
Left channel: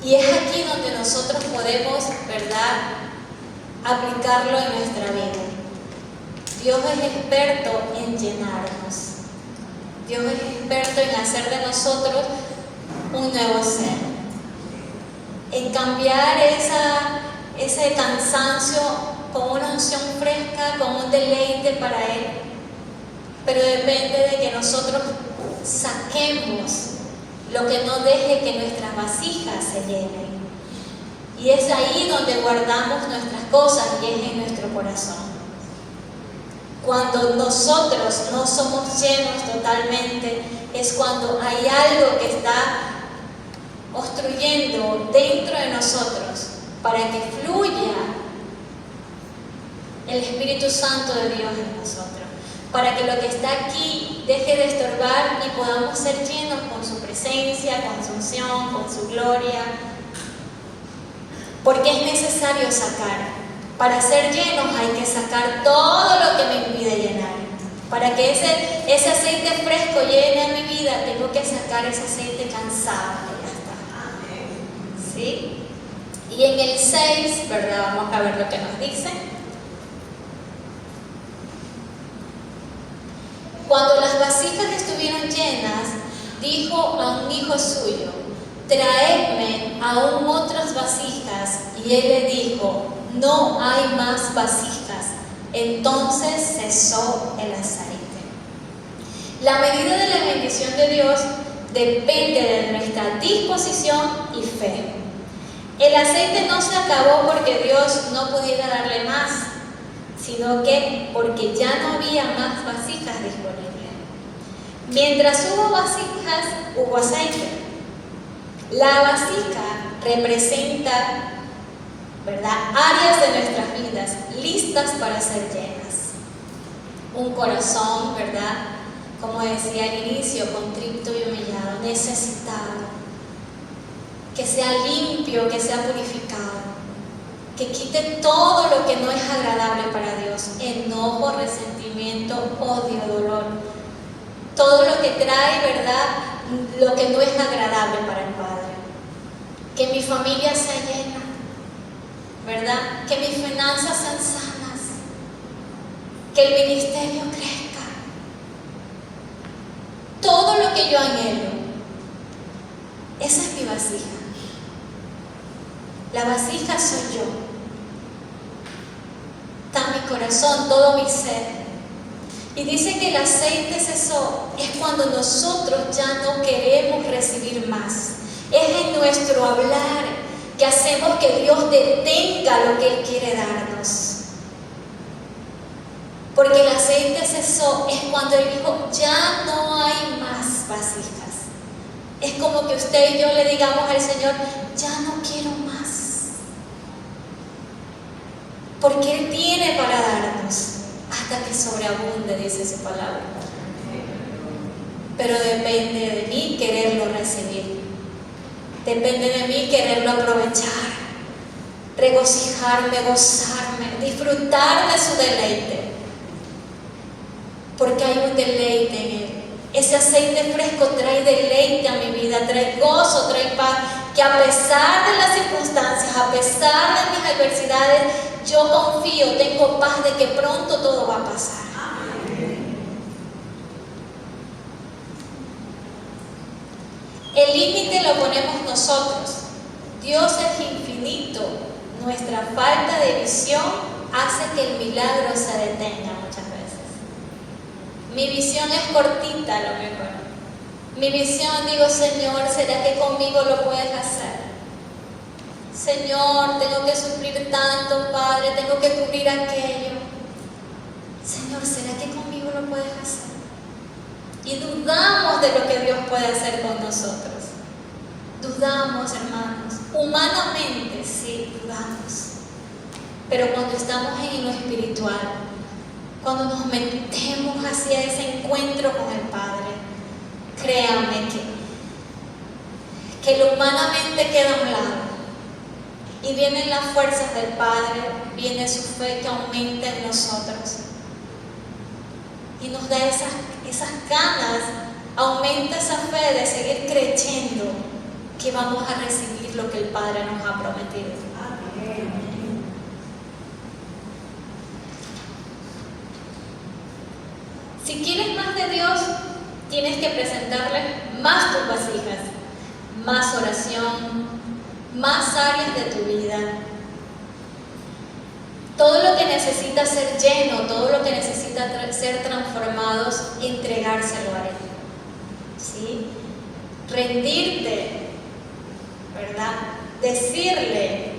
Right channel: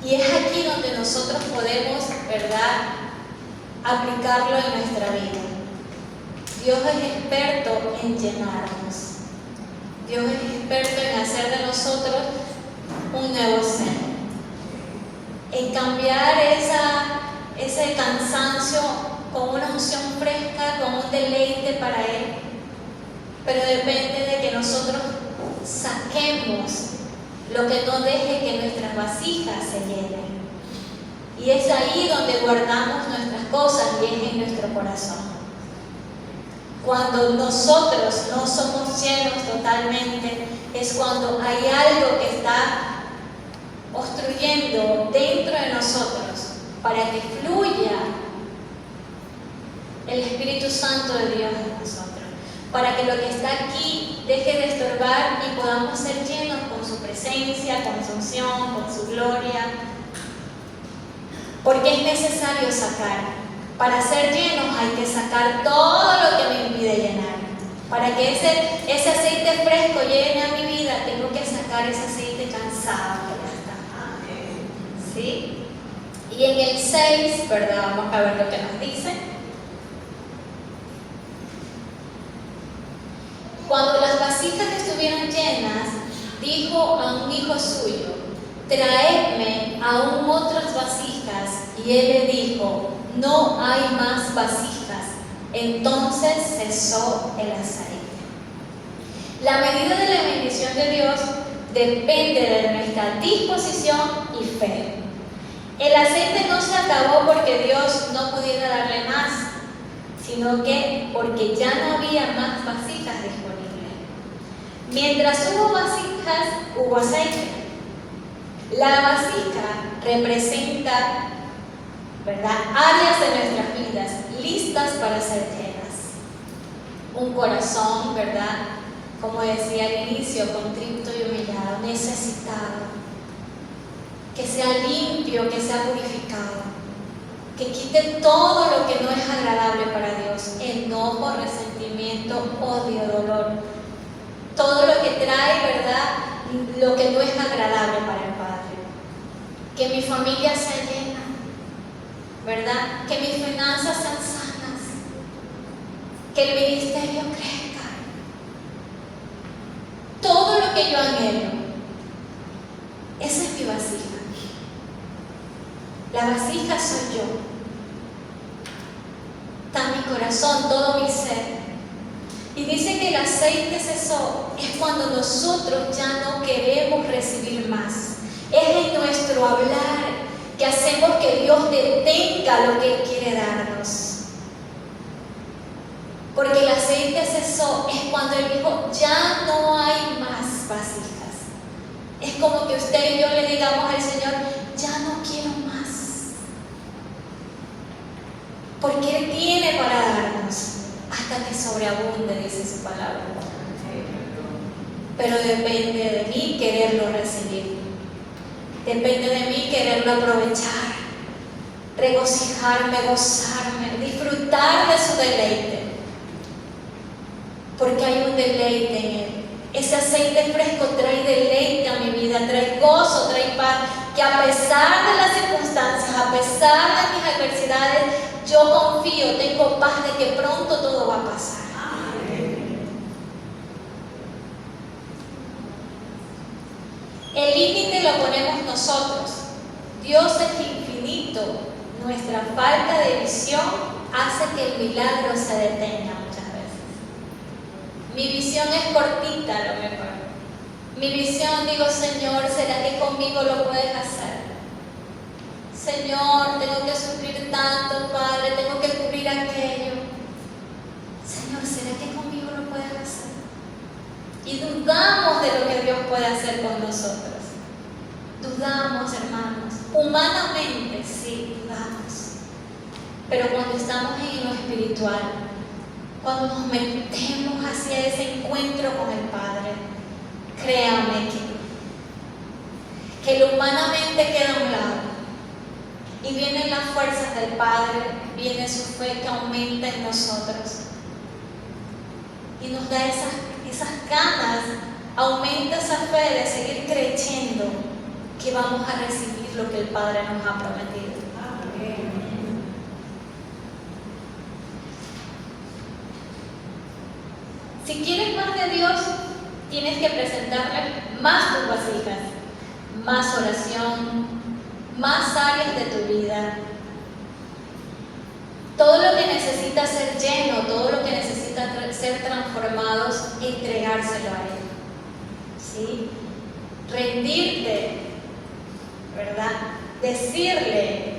Y es aquí donde nosotros podemos, ¿verdad?, aplicarlo en nuestra vida. Dios es experto en llenarnos. Dios es experto en hacer de nosotros un nuevo ser. En cambiar ese cansancio con una unción fresca, con un deleite para Él. Pero depende de que nosotros saquemos lo que no deje que nuestras vasijas se llenen. Y es ahí donde guardamos nuestras cosas y es en nuestro corazón. Cuando nosotros no somos llenos totalmente, es cuando hay algo que está obstruyendo dentro de nosotros para que fluya el Espíritu Santo de Dios en nosotros, para que lo que está aquí deje de estorbar y podamos ser llenos con su presencia, con su unción, con su gloria. porque es necesario sacar. Para ser llenos hay que sacar todo lo que me impide llenar. Para que ese aceite fresco llene a mi vida, tengo que sacar ese aceite cansado que ya está. ¿Sí? Y en el 6, ¿verdad? Vamos a ver lo que nos dice. Cuando las vasijas estuvieron llenas, dijo a un hijo suyo: traedme aún otras vasijas. Y él le dijo: no hay más vasijas. Entonces cesó el aceite. La medida de la bendición de Dios depende de nuestra disposición y fe. El aceite no se acabó porque Dios no pudiera darle más, sino que porque ya no había más vasijas disponibles. Mientras hubo vasijas, hubo aceite. La vasija representa, ¿verdad?, áreas de nuestras vidas listas para ser llenas. Un corazón, ¿verdad?, como decía al inicio, contrito y humillado, necesitado, que sea limpio, que sea purificado, que quite todo lo que no es agradable para Dios: enojo, resentimiento, odio, dolor, todo lo que trae, ¿verdad?, lo que no es agradable para el Padre. Que mi familia sea llena, ¿verdad?, que mis finanzas sean sanas, que el ministerio crezca. Todo lo que yo anhelo, esa es mi vasija. La vasija soy yo. Está mi corazón, todo mi ser. Y dice que el aceite cesó, es cuando nosotros ya no queremos recibir más. Es en nuestro hablar que hacemos que Dios detenga lo que Él quiere darnos. Porque el aceite cesó es cuando Él dijo: ya no hay más vasijas. Es como que usted y yo le digamos al Señor: ya no quiero más. Porque Él tiene para darnos hasta que sobreabunde, dice su palabra. Pero depende de mí quererlo recibir. Depende de mí quererlo aprovechar, regocijarme, gozarme, disfrutar de su deleite. Porque hay un deleite en Él. Ese aceite fresco trae deleite a mi vida, trae gozo, trae paz, que a pesar de las circunstancias, a pesar de mis adversidades, yo confío, tengo paz de que pronto todo va a pasar. El límite lo ponemos nosotros. Dios es infinito. Nuestra falta de visión hace que el milagro se detenga muchas veces. Mi visión es cortita a lo mejor. Mi visión, digo: Señor, ¿será que conmigo lo puedes hacer? Señor, tengo que sufrir tanto, Padre, tengo que cubrir aquello. Señor, ¿será que conmigo lo puedes hacer? Y dudamos de lo que Dios puede hacer con nosotros. Dudamos, hermanos. Humanamente, sí, dudamos. Pero cuando estamos en lo espiritual, cuando nos metemos hacia ese encuentro con el Padre, créanme que lo humanamente queda a un lado. Y vienen las fuerzas del Padre, viene su fe que aumenta en nosotros. Y nos da esas ganas, aumenta esa fe de seguir creyendo que vamos a recibir lo que el Padre nos ha prometido. Amén. Si quieres más de Dios, tienes que presentarle más tus vasijas, más oración, más áreas de tu vida. Todo lo que necesita ser lleno, todo lo que necesita ser transformados, entregárselo a Él. ¿Sí? Rendirte, ¿verdad? Decirle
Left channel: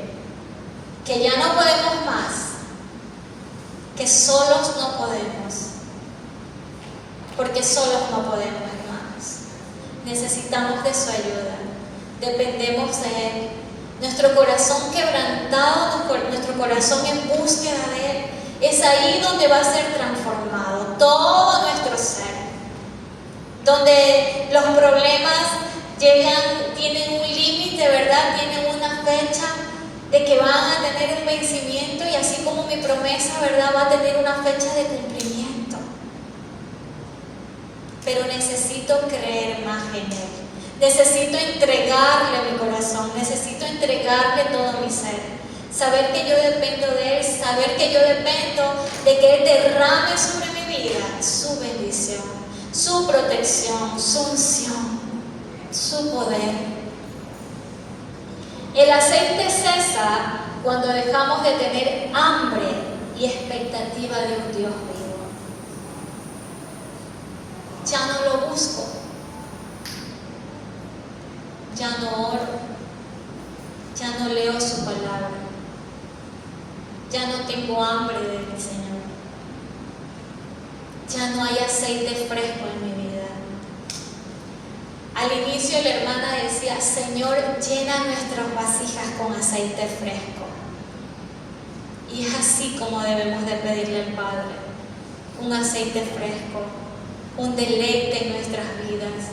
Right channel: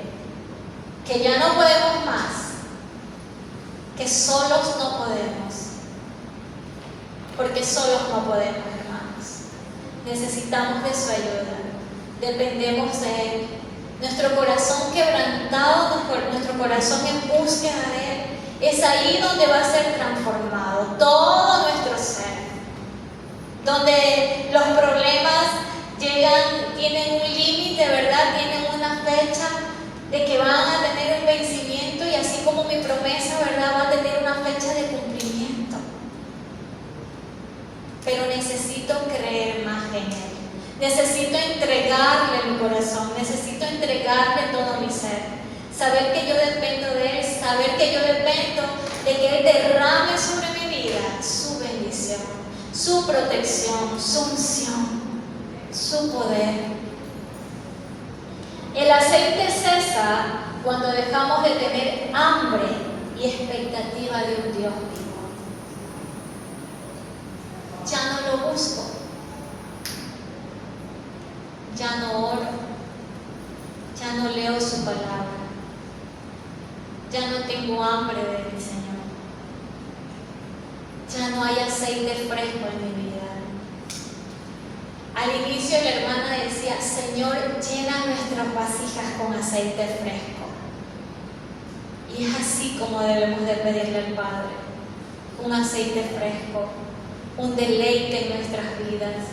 que ya no podemos más, que solos no podemos, porque solos no podemos, hermanos. Necesitamos de su ayuda, dependemos de Él. Nuestro corazón quebrantado, nuestro corazón en búsqueda de Él, es ahí donde va a ser transformado todo nuestro ser. Donde los problemas llegan, tienen un límite, ¿verdad? Tienen una fecha de que van saber que yo dependo de Él, saber que yo dependo de que Él derrame sobre mi vida su bendición, su protección, su unción, su poder. El aceite cesa cuando dejamos de tener hambre y expectativa de un Dios vivo. Ya no lo busco, ya no oro, ya no leo su palabra, ya no tengo hambre de mi Señor, ya no hay aceite fresco en mi vida. Al inicio la hermana decía: Señor, llena nuestras vasijas con aceite fresco. Y es así como debemos de pedirle al Padre: un aceite fresco, un deleite en nuestras vidas.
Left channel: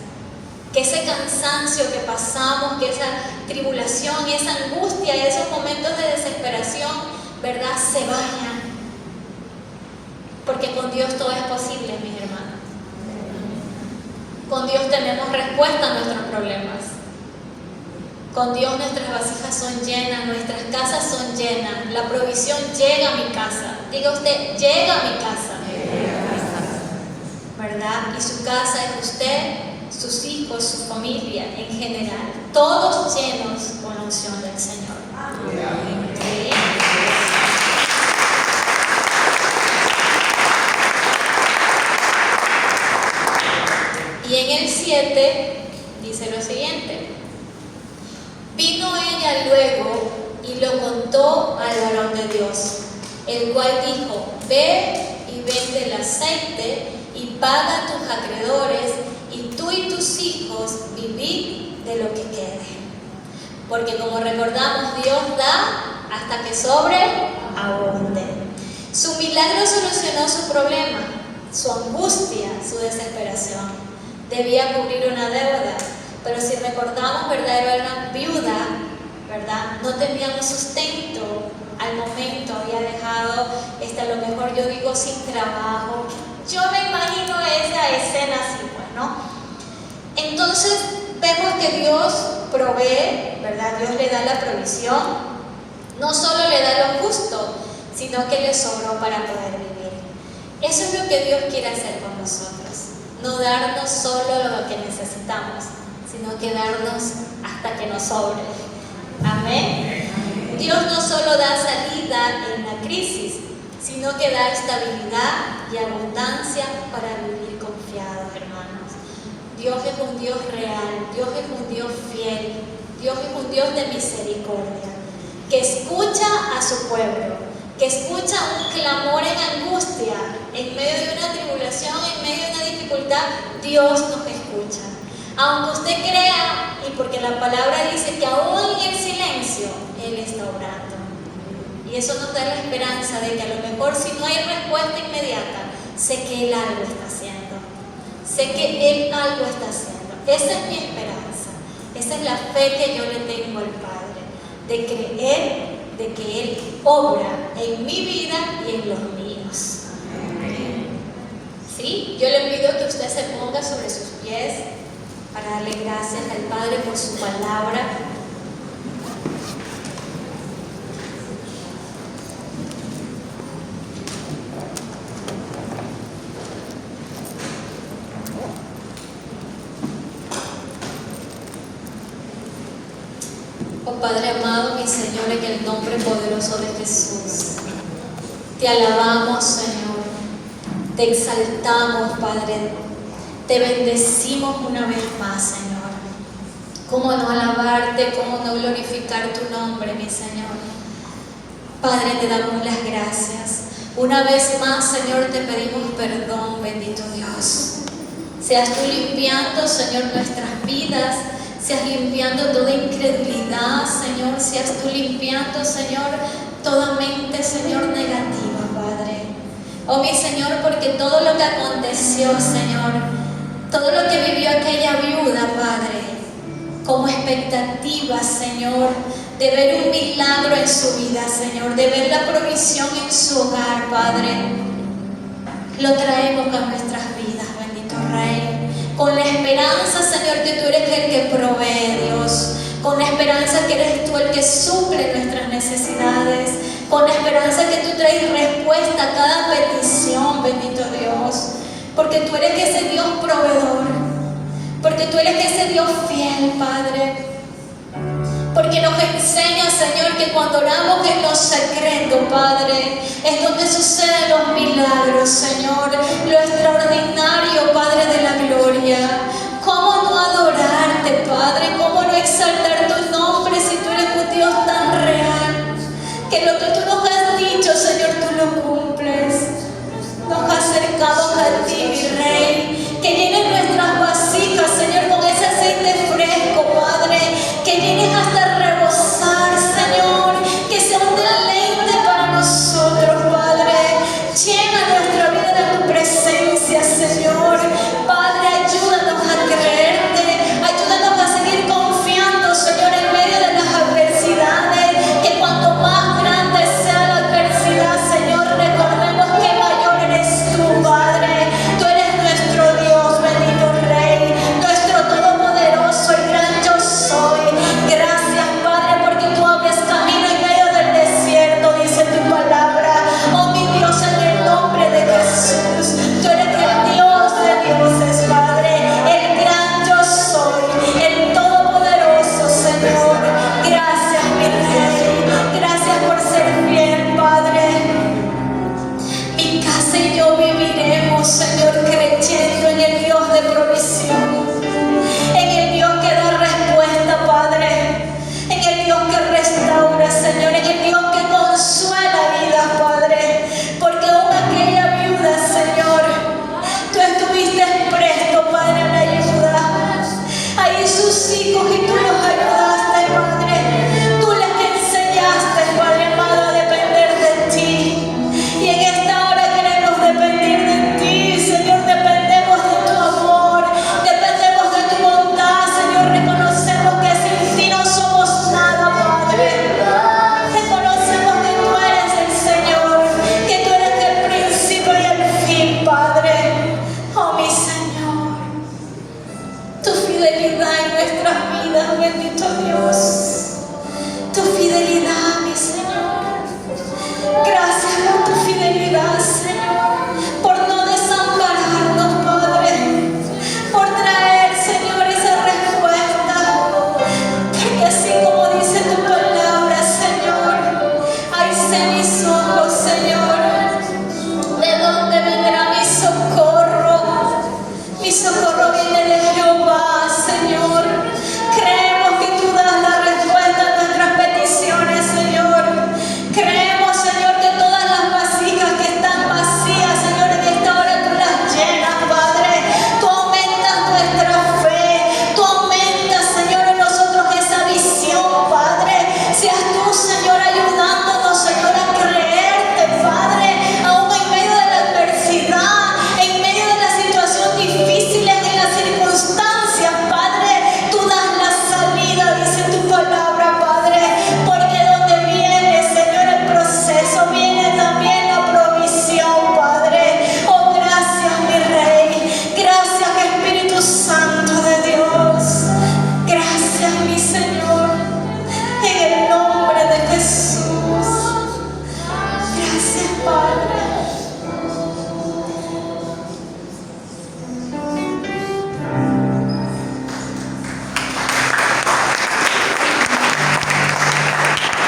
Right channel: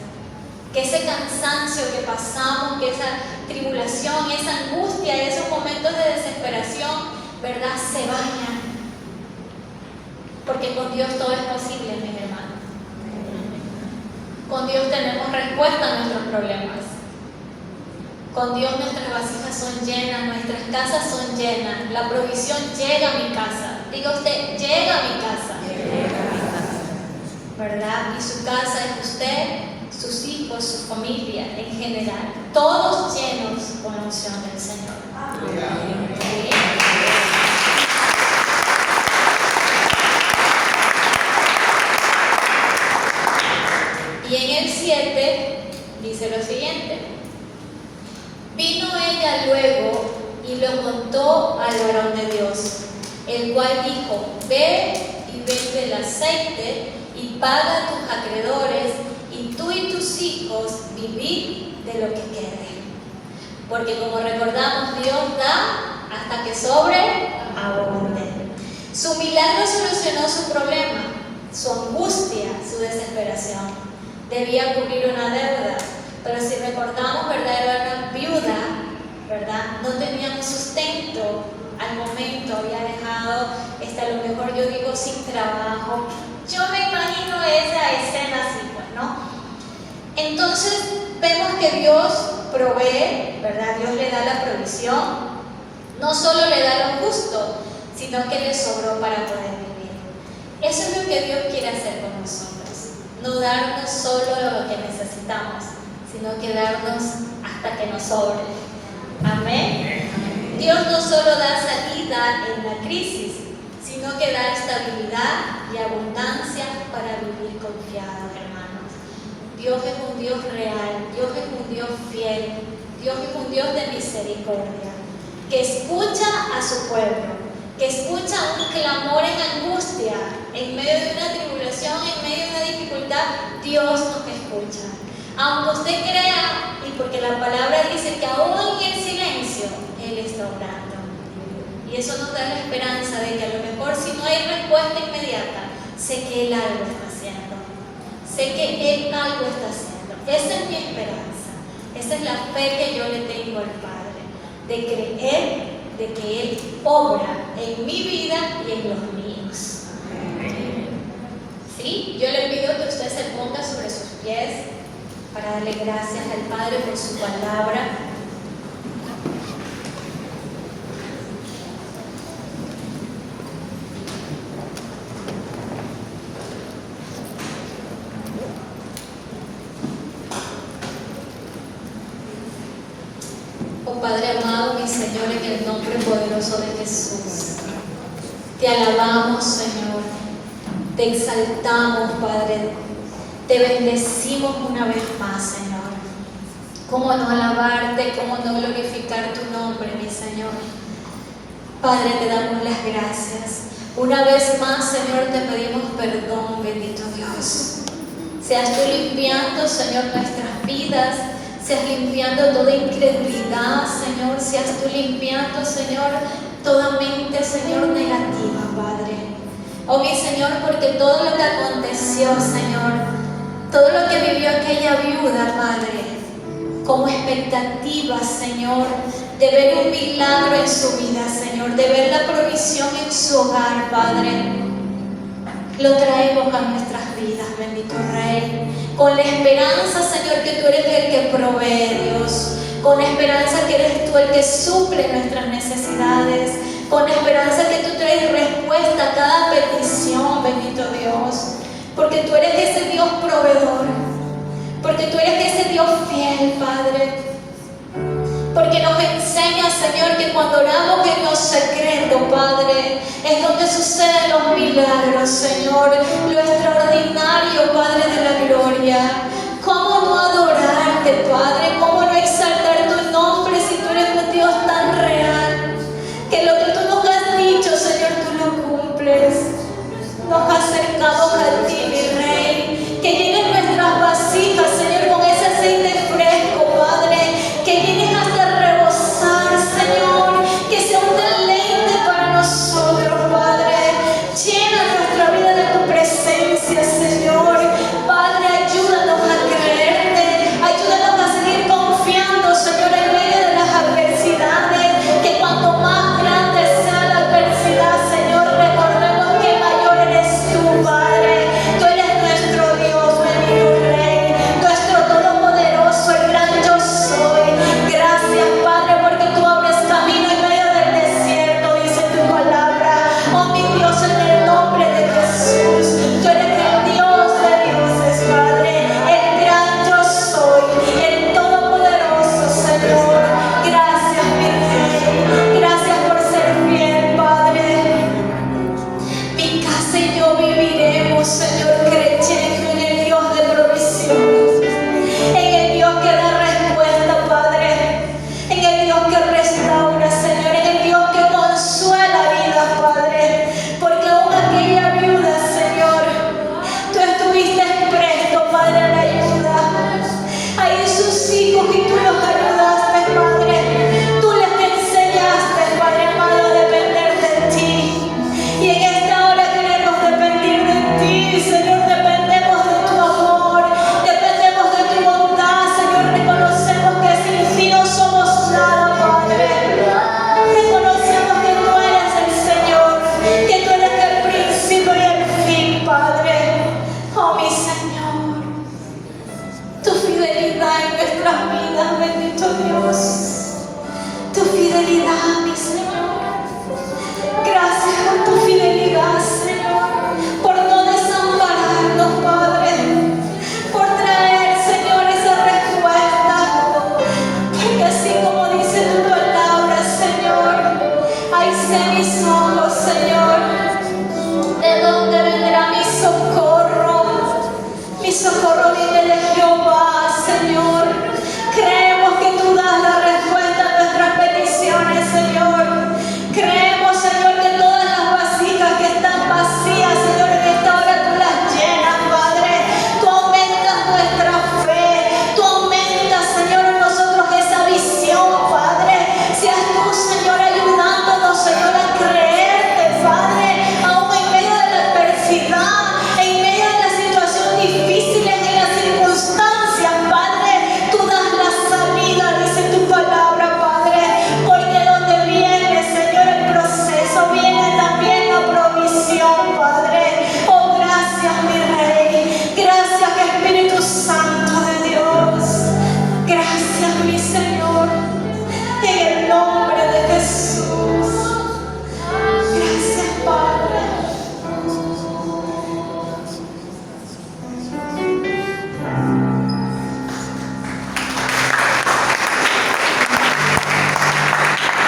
Que ese cansancio que pasamos, que esa tribulación y esa angustia, esos momentos de desesperación, ¿verdad?, se vayan. Porque con Dios todo es posible, mis hermanos. Con Dios tenemos respuesta a nuestros problemas. Con Dios nuestras vasijas son llenas, nuestras casas son llenas, la provisión llega a mi casa. Diga usted: llega a mi casa. ¿Verdad? Y su casa es usted, sus hijos, su familia en general, todos llenos con la unción del Señor. Amén. ¿Sí? Y en el 7 dice lo siguiente: vino ella luego y lo contó al varón de Dios, el cual dijo: ve y vende el aceite y paga a tus acreedores, y tú y tus hijos vivid de lo que quede. Porque como recordamos, Dios da hasta que sobreabunde. Su milagro solucionó su problema, su angustia, su desesperación. Debía cubrir una deuda, pero si recordamos, ¿verdad?, era una viuda, ¿verdad? No teníamos sustento al momento, había dejado, a lo mejor yo digo, sin trabajo. Yo me imagino esa escena así, pues, ¿no? Entonces vemos que Dios provee, ¿verdad? Dios le da la provisión, no solo le da lo justo, sino que le sobró para poder vivir. Eso es lo que Dios quiere hacer con nosotros, no darnos solo lo que necesitamos, sino que darnos hasta que nos sobre. Amén. Dios no solo da salida en la crisis, sino que da estabilidad y abundancia para vivir confiado, hermanos. Dios es un Dios real, Dios es un Dios fiel, Dios es un Dios de misericordia, que escucha a su pueblo, que escucha un clamor en angustia, en medio de una tribulación, en medio de una dificultad. Dios nos escucha. Aunque usted crea, y porque la palabra dice que aún en el silencio Él está obrando. Y eso nos da la esperanza de que a lo mejor, si no hay respuesta inmediata, sé que Él algo está haciendo. Sé que Él algo está haciendo. Esa es mi esperanza. Esa es la fe que yo le tengo al Padre, de creer de que Él obra en mi vida y en los míos. ¿Sí? Yo le pido que usted se ponga sobre sus pies para darle gracias al Padre por su palabra. Oh Padre amado, mi Señor, en el nombre poderoso de Jesús, te alabamos, Señor, te exaltamos, Padre, te bendecimos una vez más, Señor. ¿Cómo no alabarte, cómo no glorificar tu nombre, mi Señor? Padre, te damos las gracias. Una vez más, Señor, te pedimos perdón, bendito Dios. Seas tú limpiando, Señor, nuestras vidas, seas limpiando toda incredulidad, Señor, seas tú limpiando, Señor, toda mente, Señor, negativa, Padre. Oh, mi Señor, porque todo lo que aconteció, Señor, todo lo que vivió aquella viuda, Padre, como expectativa, Señor, de ver un milagro en su vida, Señor, de ver la provisión en su hogar, Padre, lo traemos a nuestras vidas, bendito Rey, con la esperanza, Señor, que tú eres el que provee, Dios, con la esperanza esperanza que eres tú el que suple nuestras necesidades, con esperanza que tú traes respuesta a cada petición, bendito Dios, porque tú eres ese Dios proveedor, porque tú eres ese Dios fiel, Padre. Porque nos enseña, Señor, que cuando oramos en lo secreto, Padre, es donde suceden los milagros, Señor, lo extraordinario, Padre de la gloria.